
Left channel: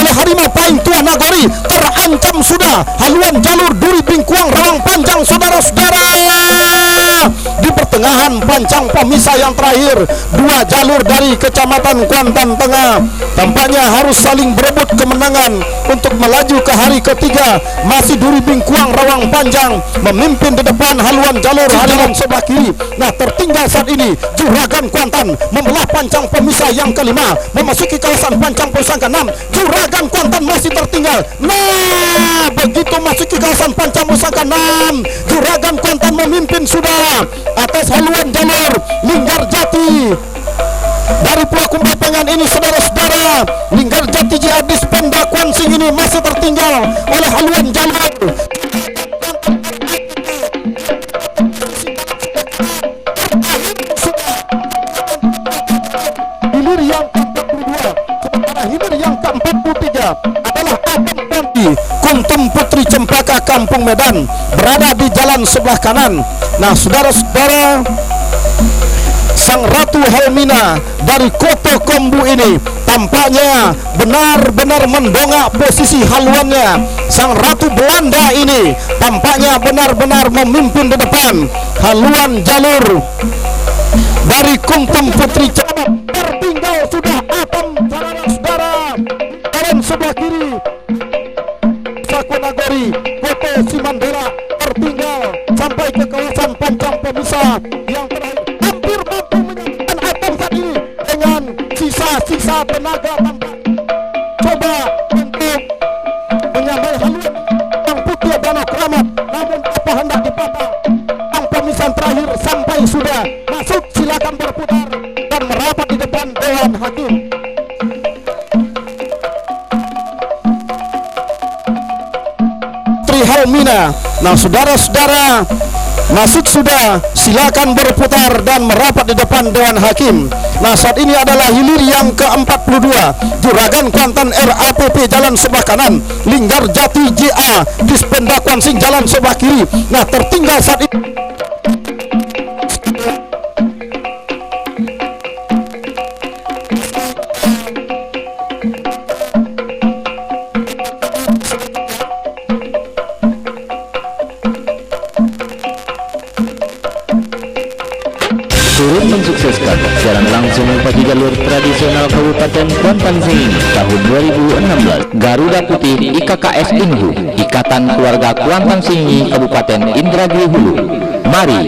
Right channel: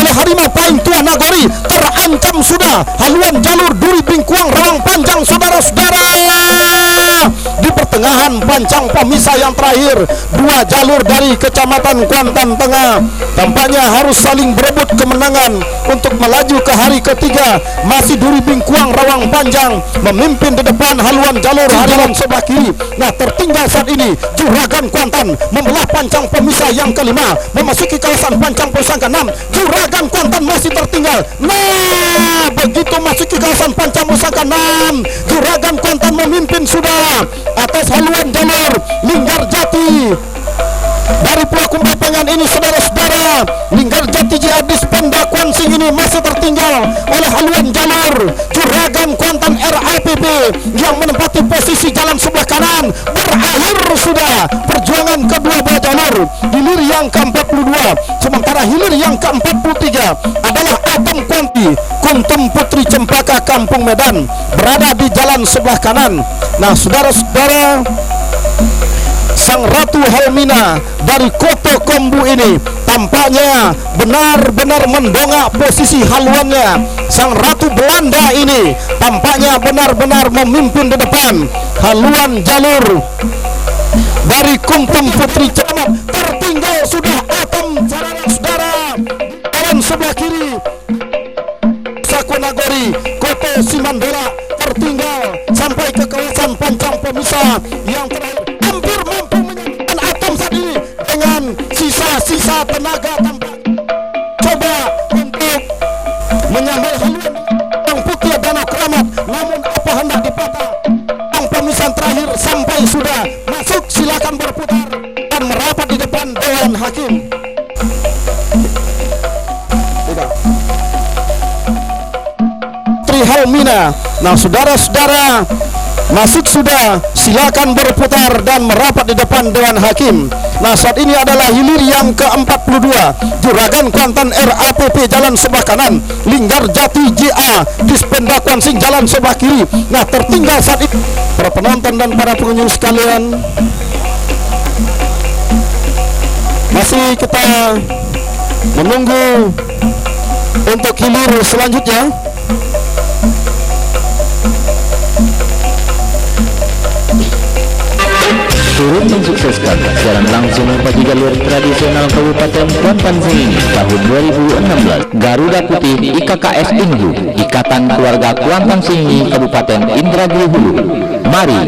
jalan sebelah kiri. Nah, tertinggal saat ini Juragan Kuantan membelah pancang pemisah yang kelima, memasuki kawasan pancang pemisah ke-6. Juragan Kuantan masih tertinggal. Nah, begitu masuki kawasan pancang pemisah ke-6, Juragan Kuantan memimpin sudah atas haluan jalur Linggarjati. Dari Pulau Kumbapengan ini, saudara-saudara, Linggarjati Jihadis Pemda Kuansing ini masih tertinggal oleh haluan jalur Juragan Kuantan RAPP yang menempati posisi jalan sebelah kanan. Berakhir sudah perjuangan kedua belah jalur. Hilir yang ke-42, sementara hilir yang ke-43 adalah Atom Kuantan. pemirsa yang terakhir hampir mampu menyelamatkan Atom saat ini dengan sisa-sisa tenaga tampak coba untuk menyamai haluan yang putih Danau Keramat, namun apa hendak dipatah. Yang pemisahan terakhir sampai sudah masuk, silakan berputar dan merapat di depan Dewan Hakim. Dan para pengunjung sekalian, masih kita menunggu untuk hilir selanjutnya. Turut mensukseskan jalan langsung bagi jalur tradisional Kabupaten Kuantan Sengingi tahun 2016, Garuda Putih IKKS Inhu, Ikatan Keluarga Kuantan Sengingi Kabupaten Indragiri Hulu. Mari.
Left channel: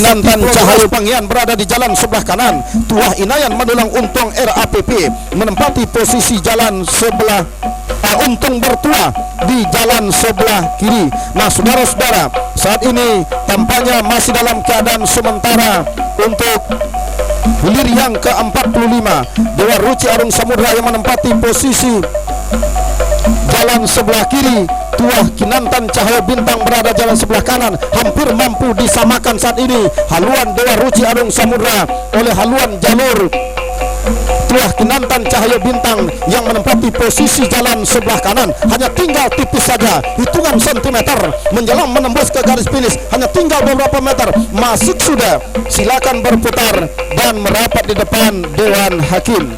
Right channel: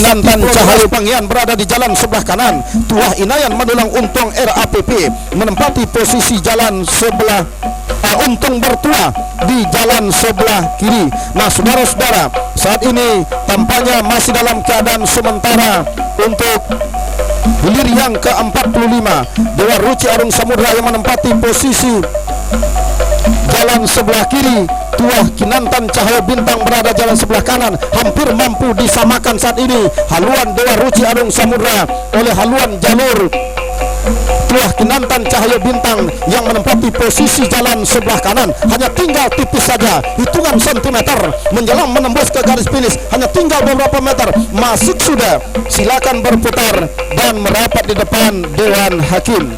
Sati Pulau Deras Panggian berada di jalan sebelah kanan. Tuah Inayan Manulang Untung RAPP menempati posisi jalan sebelah Untung Bertua di jalan sebelah kiri. Nah, saudara-saudara, saat ini tampaknya masih dalam keadaan sementara untuk hilir yang ke-45. Dewa Ruci Arung Samudra yang menempati posisi jalan sebelah kiri. Tuah Kinantan Cahaya Bintang berada jalan sebelah kanan, hampir mampu disamakan saat ini haluan Dewa Ruci Arung Samudra oleh haluan jalur Tuah Kinantan Cahaya Bintang yang menempati posisi jalan sebelah kanan. Hanya tinggal tipis saja, hitungan sentimeter menjelang menembus ke garis finish, hanya tinggal beberapa meter, masuk sudah. Silakan berputar dan merapat di depan Dewan Hakim.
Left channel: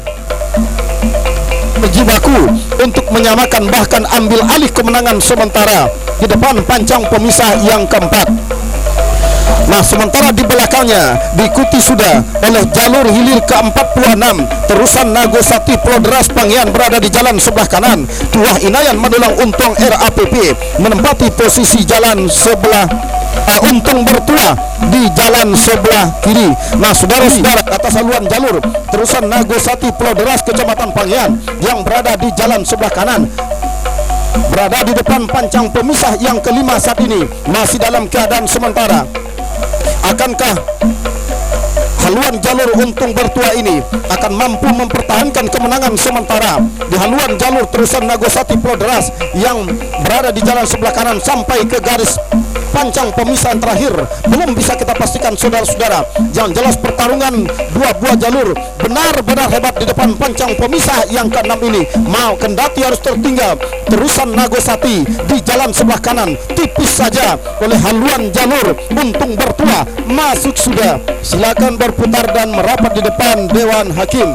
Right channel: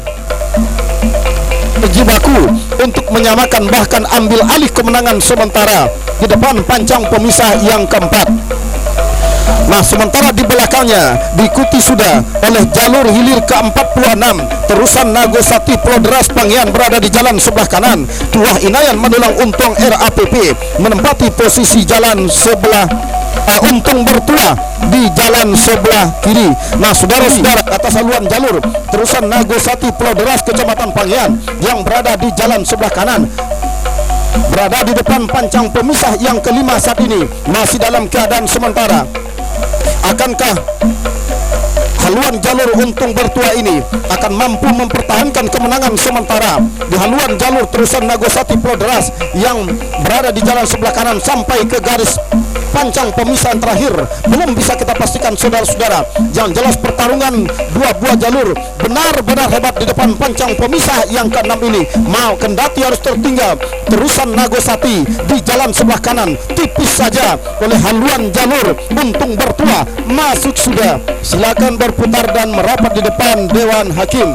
Atas haluan jalur terusan Nagosati Pulau Deras Kecamatan Panggian yang berada di jalan sebelah kanan, berada di depan pancang pemisah yang kelima saat ini masih dalam keadaan sementara. Akankah haluan jalur Untung Bertua ini akan mampu mempertahankan kemenangan sementara di haluan jalur terusan Nagosati Pulau Deras yang berada di jalan sebelah kanan sampai ke garis pancang pemisahan terakhir? Belum bisa kita pastikan, saudara-saudara. Yang jelas pertarungan dua buah jalur benar-benar hebat di depan pancang pemisah yang ke-6 ini. Mau kendati harus tertinggal terusan Nagosati di jalan sebelah kanan, tipis saja oleh haluan jalur Untung Bertua. Masuk sudah, silakan berputar dan merapat di depan Dewan Hakim.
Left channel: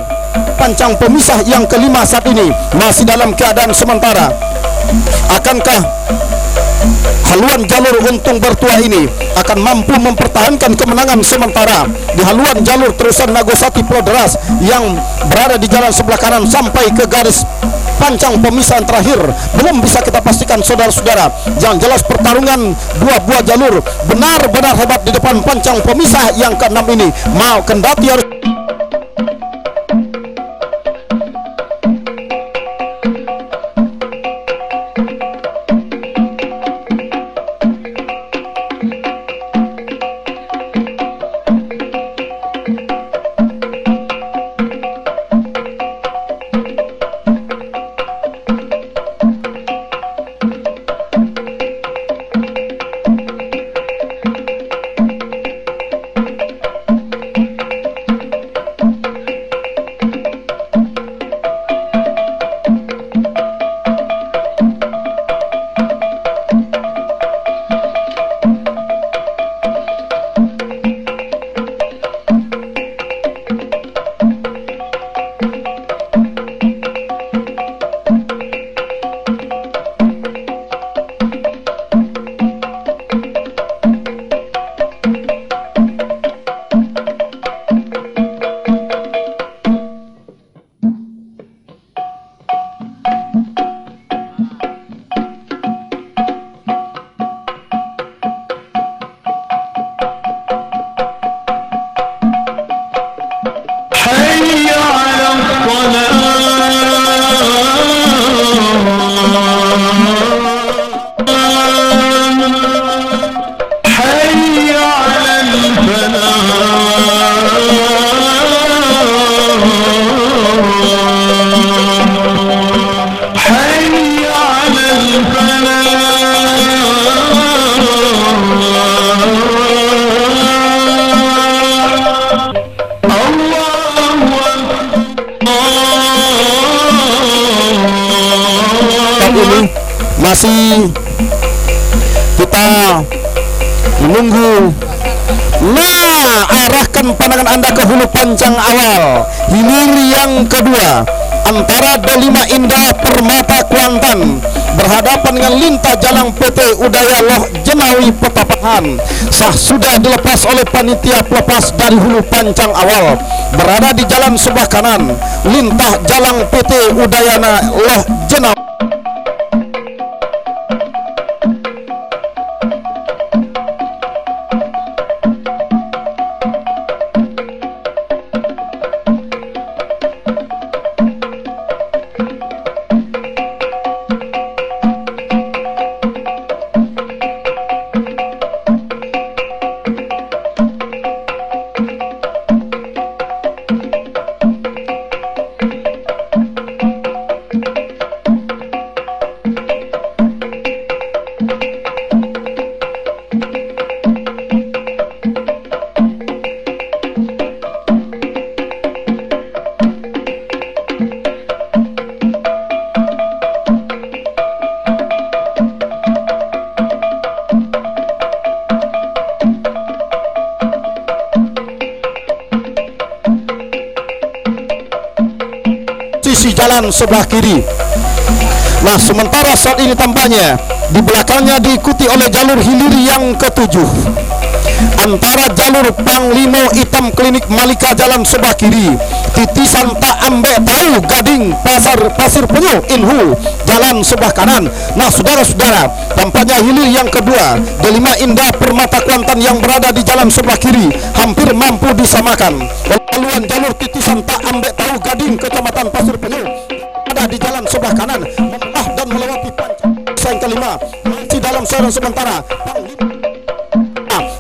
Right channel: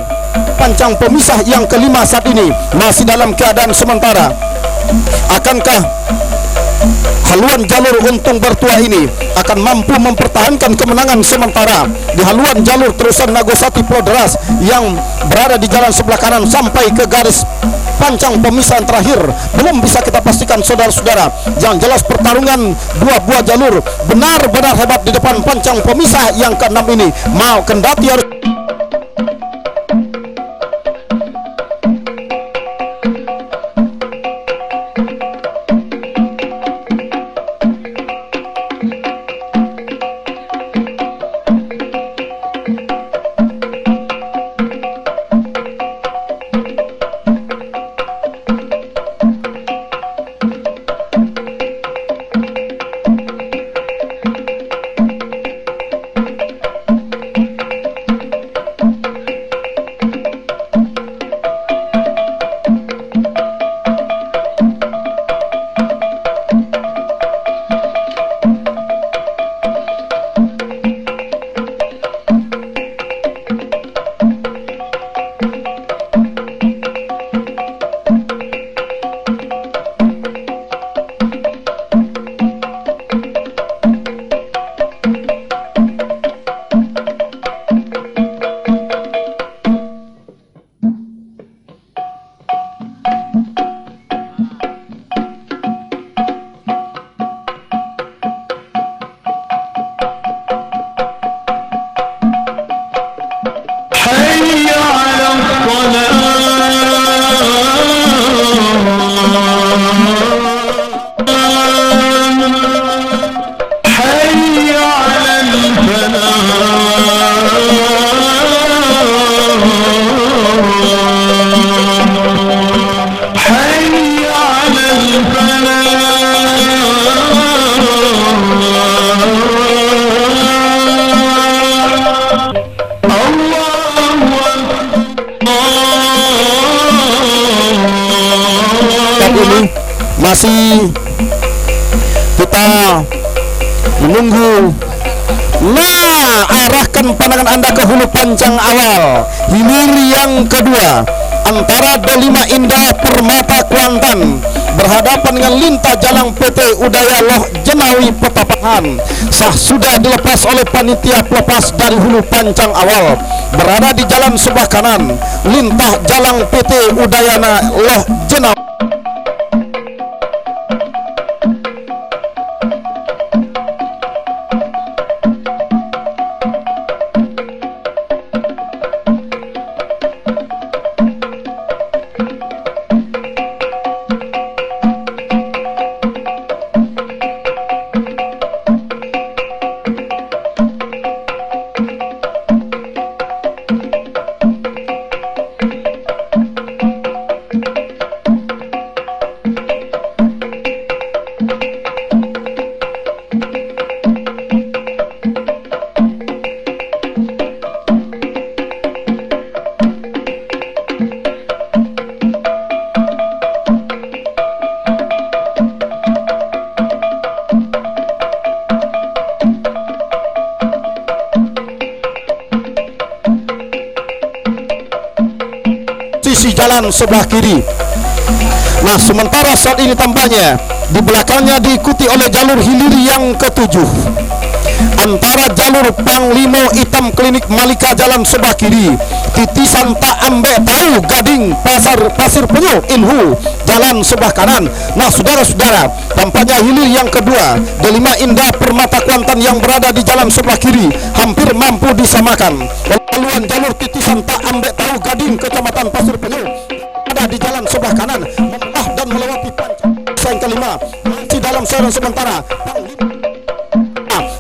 pusaran sementara. Panglima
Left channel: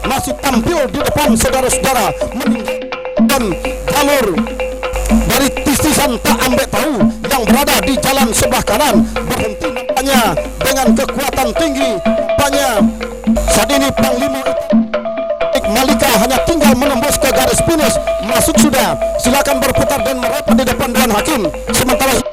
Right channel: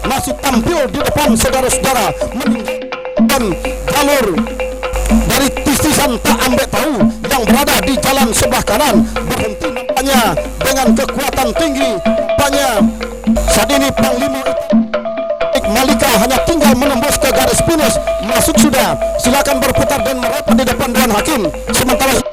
masih tampil di depan saudara-saudara meninggalkan jalur dari tisisan tak ambek tahu yang berada di jalan sebelah kanan. Berhenti nampaknya dengan kekuatan tinggi. Nampaknya saat ini Panglima Malika hanya tinggal menembus ke garis finish. Masuk sudah, silakan berputar dan merapat di depan Dewan Hakim. Sementara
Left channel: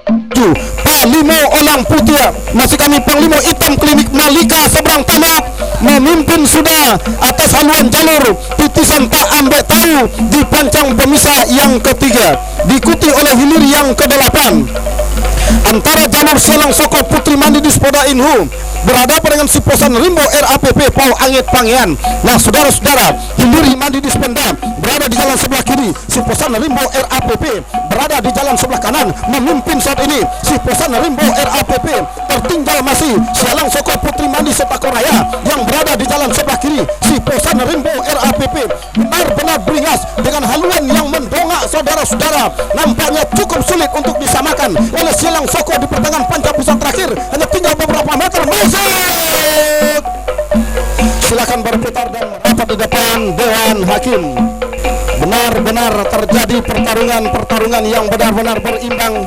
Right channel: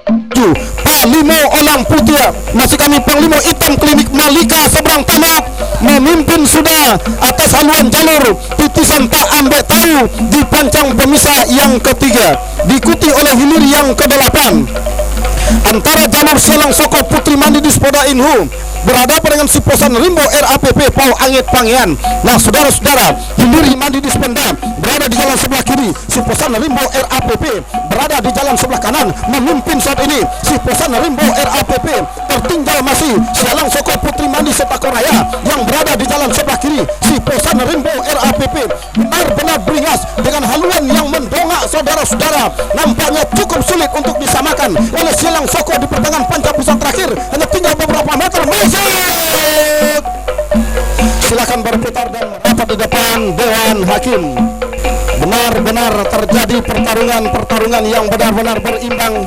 Mandi Dispenda berada di jalan sebelah kiri, si Posan Rimbo RAPP berada di jalan sebelah kanan memimpin saat ini. Si Posan Rimbo RAPP tertinggal masih Sialang Soko Putri Mandi Setakoraya yang berada di jalan sebelah kiri. Si Posan Rimbo RAPP benar-benar beringas dengan haluan yang mendongak saudara-saudara. Nampaknya cukup sulit untuk disamakan oleh Sialang Soko di pertengahan panca pusat terakhir. Hanya tinggal beberapa meter. Masuk! Silakan berputar dan merapat di depan Dewan Hakim. Benar-benar terjadi pertarungan yang benar-benar berimbang.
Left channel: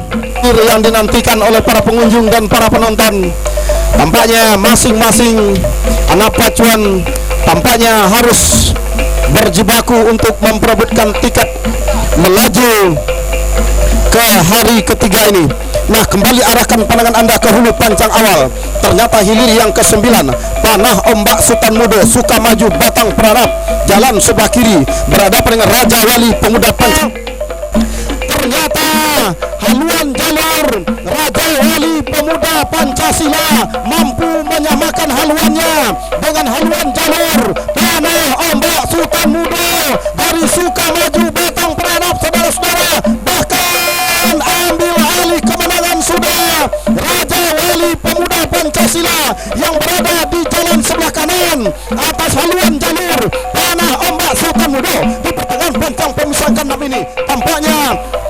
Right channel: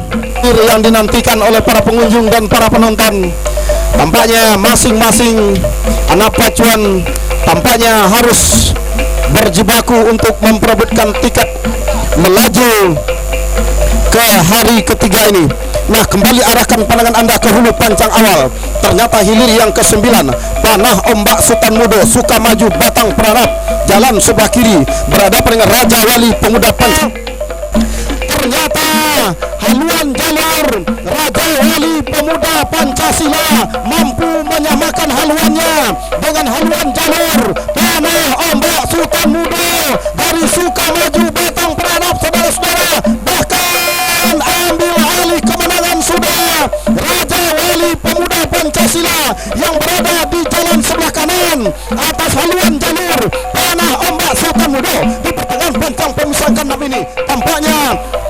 Haluan jalur Raja Wali Pemuda Pancasila mampu menyamakan haluannya dengan haluan jalur Tanah Ombak Sultan Muda dari Sukamaju Batang Peranap. Saudara-saudara, bahkan ambil alih kemenangan sudah Raja Wali Pemuda Pancasila yang berada di jalan sebelah kanan atas haluan jalur Tanah Ombak Sultan Muda di pertengahan bentang pemisah keenam ini. Tampaknya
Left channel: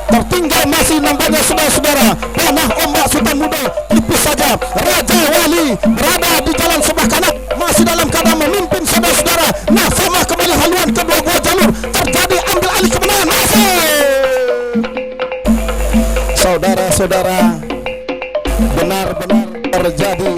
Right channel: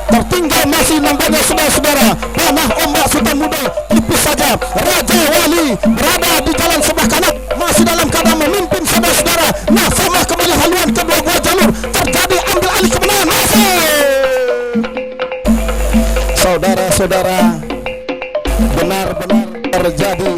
tertinggal masih nampaknya saudara-saudara Tanah Ombak Sultan Muda tipis saja. Raja Wali berada di jalan sebelah kanan masih dalam keadaan memimpin saudara-saudara. Nah, sama kembali haluan kedua jalur terjadi ambil alih kemenangan. Saudara-saudara, benar-benar terjadi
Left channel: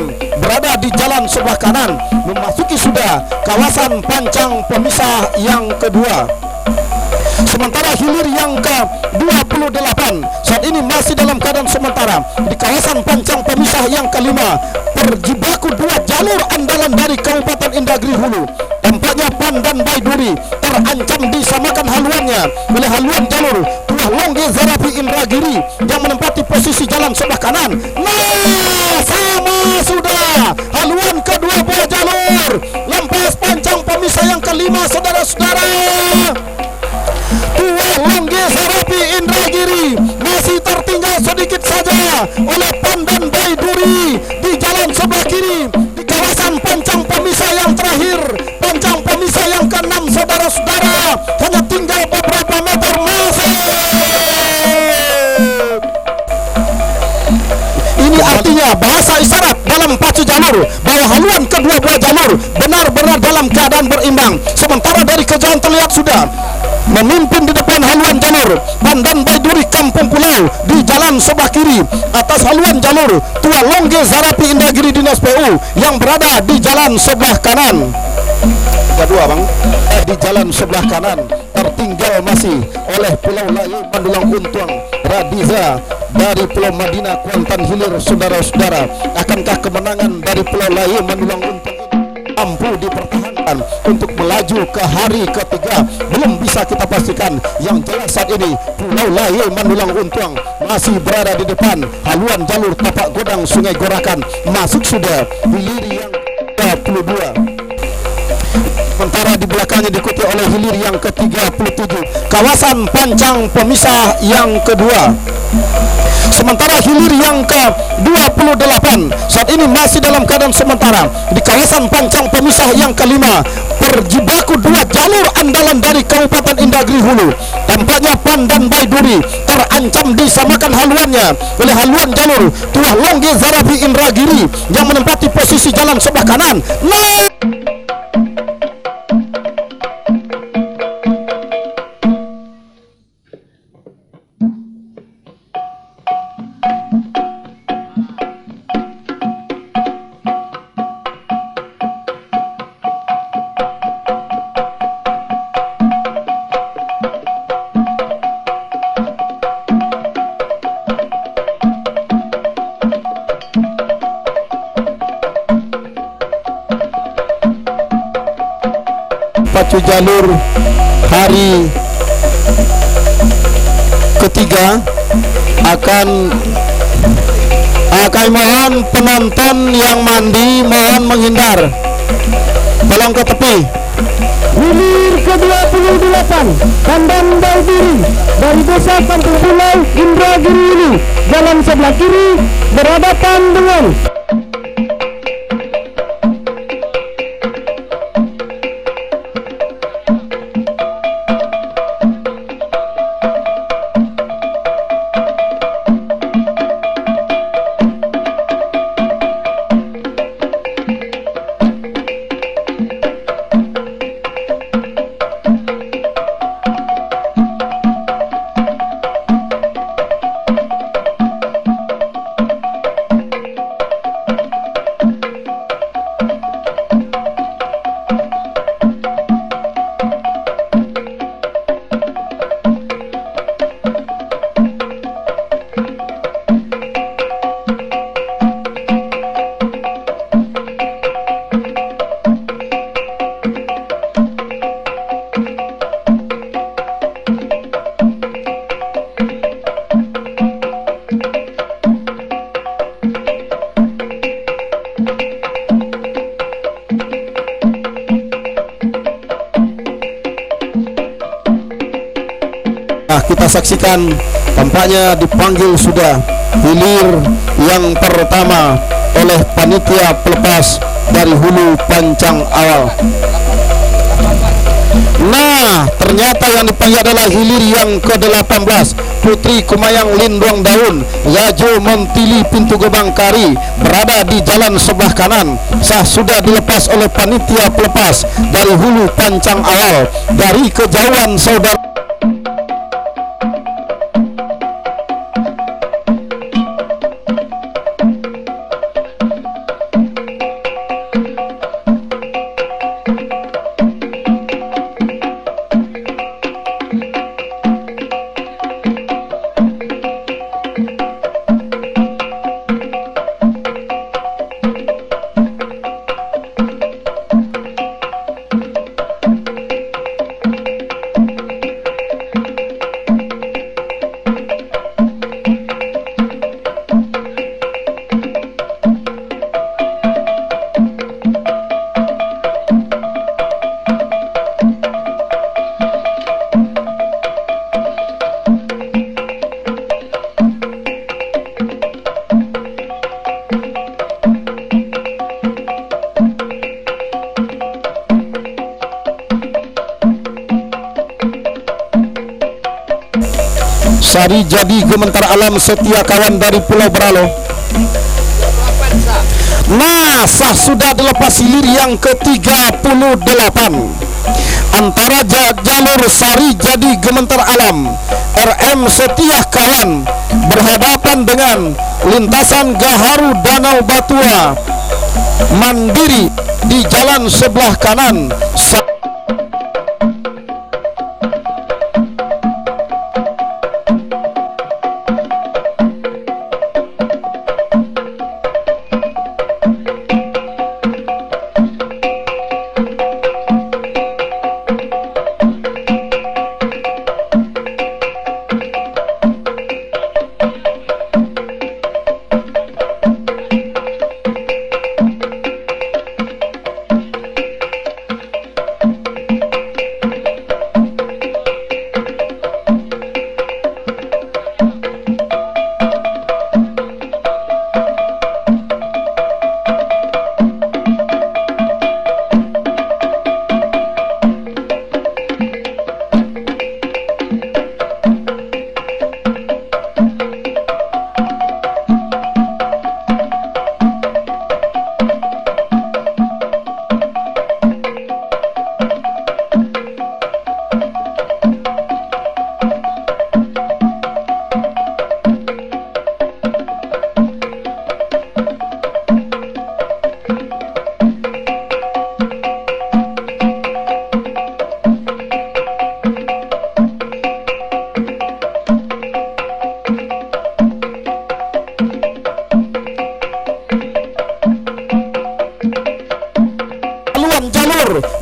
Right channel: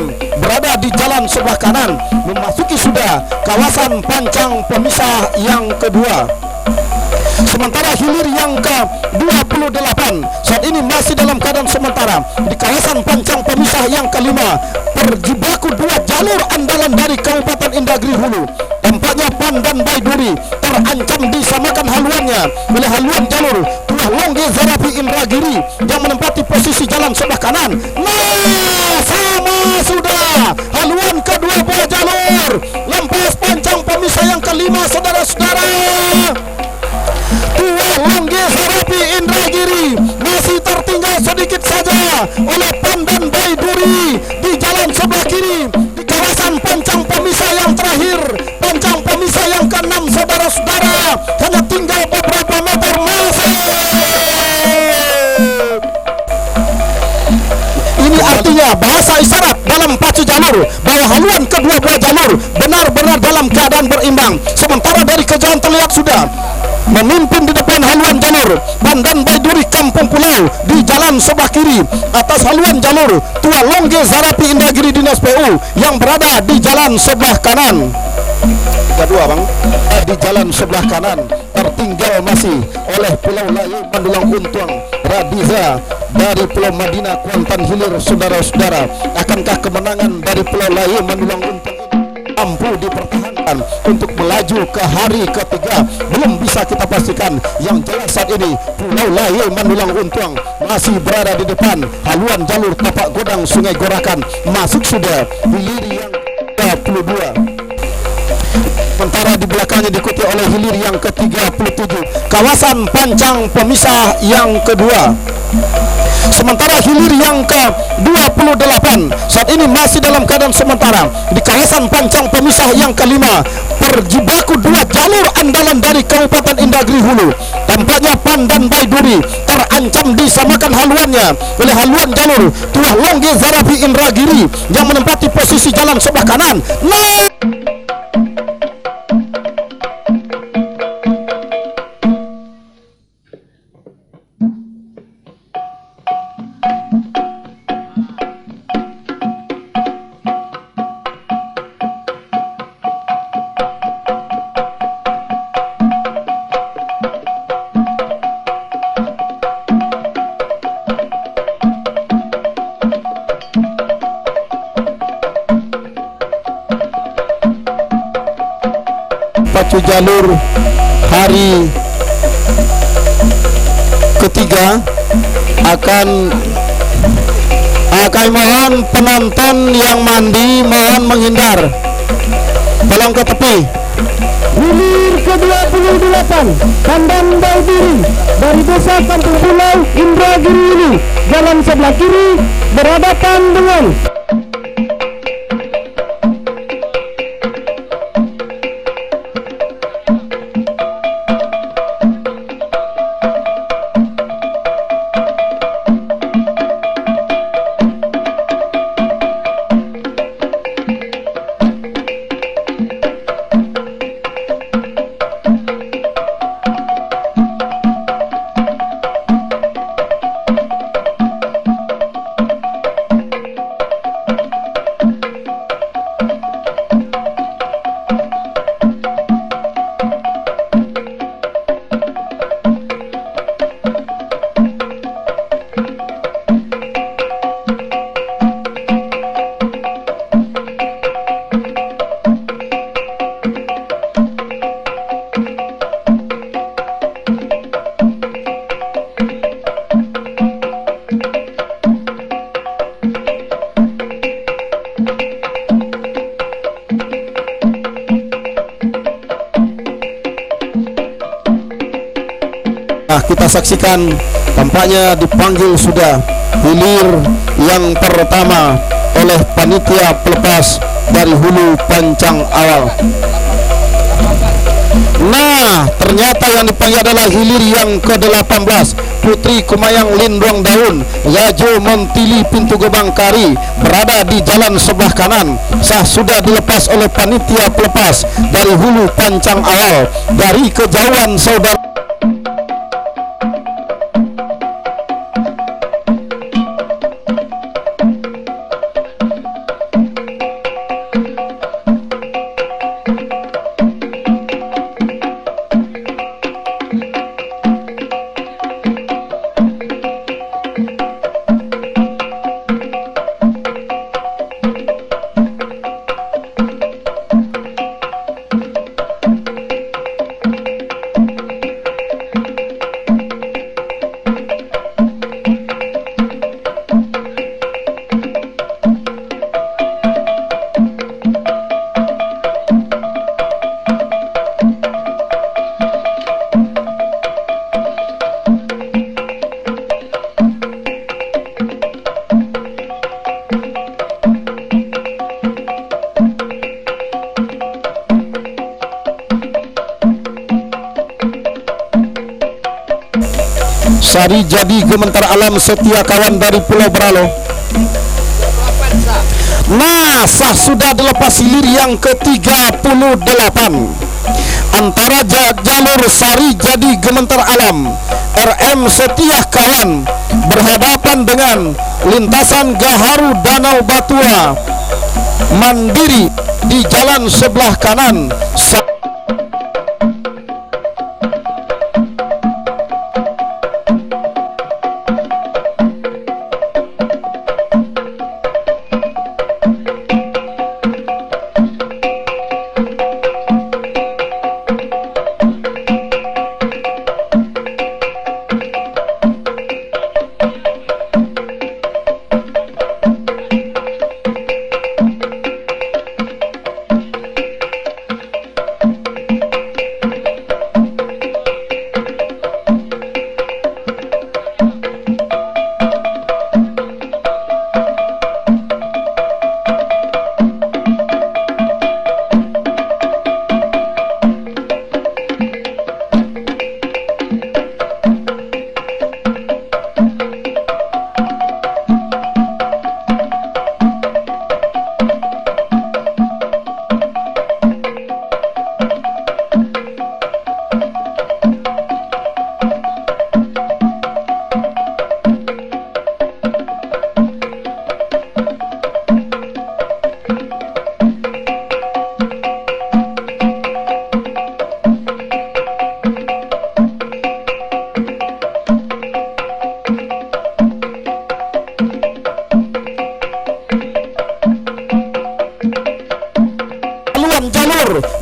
kanan, berada di jalan sebelah kanan, memasuki sudah kawasan pancang pemisah yang kedua. Sementara hilir yang ke-28 saat ini masih dalam keadaan sementara di kawasan pancang pemisah yang kelima, berjibaku dua jalur andalan dari Kabupaten Indragiri Hulu. Tampaknya Pan dan Baiduri terancam disamakan haluannya oleh haluan jalur Tuah Longge Zarapi Indragiri yang menempati posisi jalan sebelah kanan. Nah, sama sudah haluan kedua buah jalur lempas pancang pemisah yang kelima, saudara-saudara. Tuah Longge Zarapi Indragiri masih tertinggal sedikit saja oleh Pan dan Baiduri di jalan sebelah kiri di kawasan pancang pemisah yang terakhir, pancang pemisah yang ke-6, saudara-saudara. Hanya tinggal beberapa meter masih kembali. Di jalan sebelah kanan tertinggal masih oleh Pulau Layu Mandulang Untuang Radiza dari Pulau Madinah Kuantan Hilir. Saudara-saudara, akankah kemenangan dari Pulau Layu Mandulang Untuang mampu dipertahankan untuk melaju ke hari ketiga? Belum bisa kita pastikan. Yang jelas saat ini Pulau Layu Mandulang Untuang masih berada di depan haluan jalur tapak godang Sungai Gorakan. Masuk sudah hilir yang ke-22, sementara di belakangnya diikuti oleh hilir yang ke-37.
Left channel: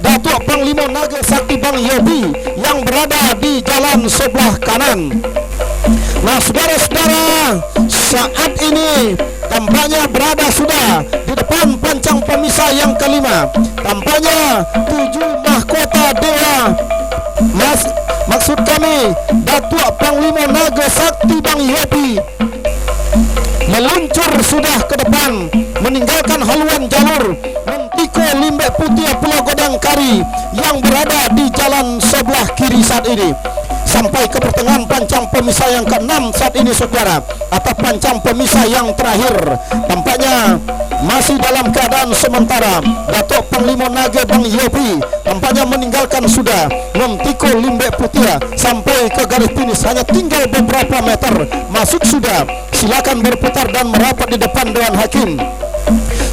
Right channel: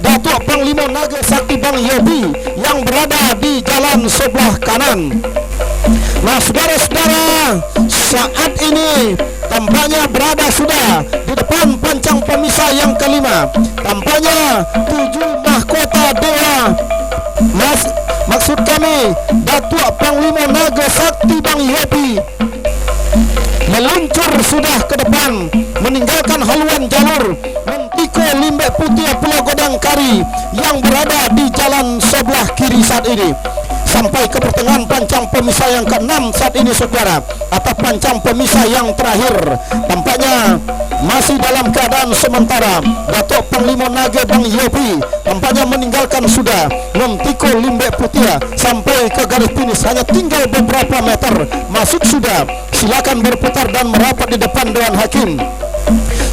Datuk Panglima Naga Sakti Bang Yobi yang berada di jalan sebelah kanan. Nah, saudara-saudara, saat ini tampaknya berada sudah di depan pancang pemisah yang kelima. Tampaknya 7 mahkota dewa, maksud kami Datuk Panglima Naga Sakti Bang Yobi meluncur sudah ke depan, meninggalkan haluan jalur Mentiko Limbek Putih Pulau Godang Kari yang berada di jalan sebelah kiri saat ini, sampai ke pertengahan pancang pemisah yang ke-6 saat ini, saudara, atau pancang pemisah yang terakhir. Tampaknya masih dalam keadaan sementara. Datuk Panglima Naga Bang Yobi tampaknya meninggalkan sudah Mentiko Limbek Putih sampai ke garis finish, hanya tinggal beberapa meter masuk sudah. Silakan berputar dan merapat di depan Dewan Hakim.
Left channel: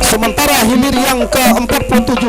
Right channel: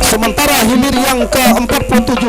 Sementara hilir yang ke-47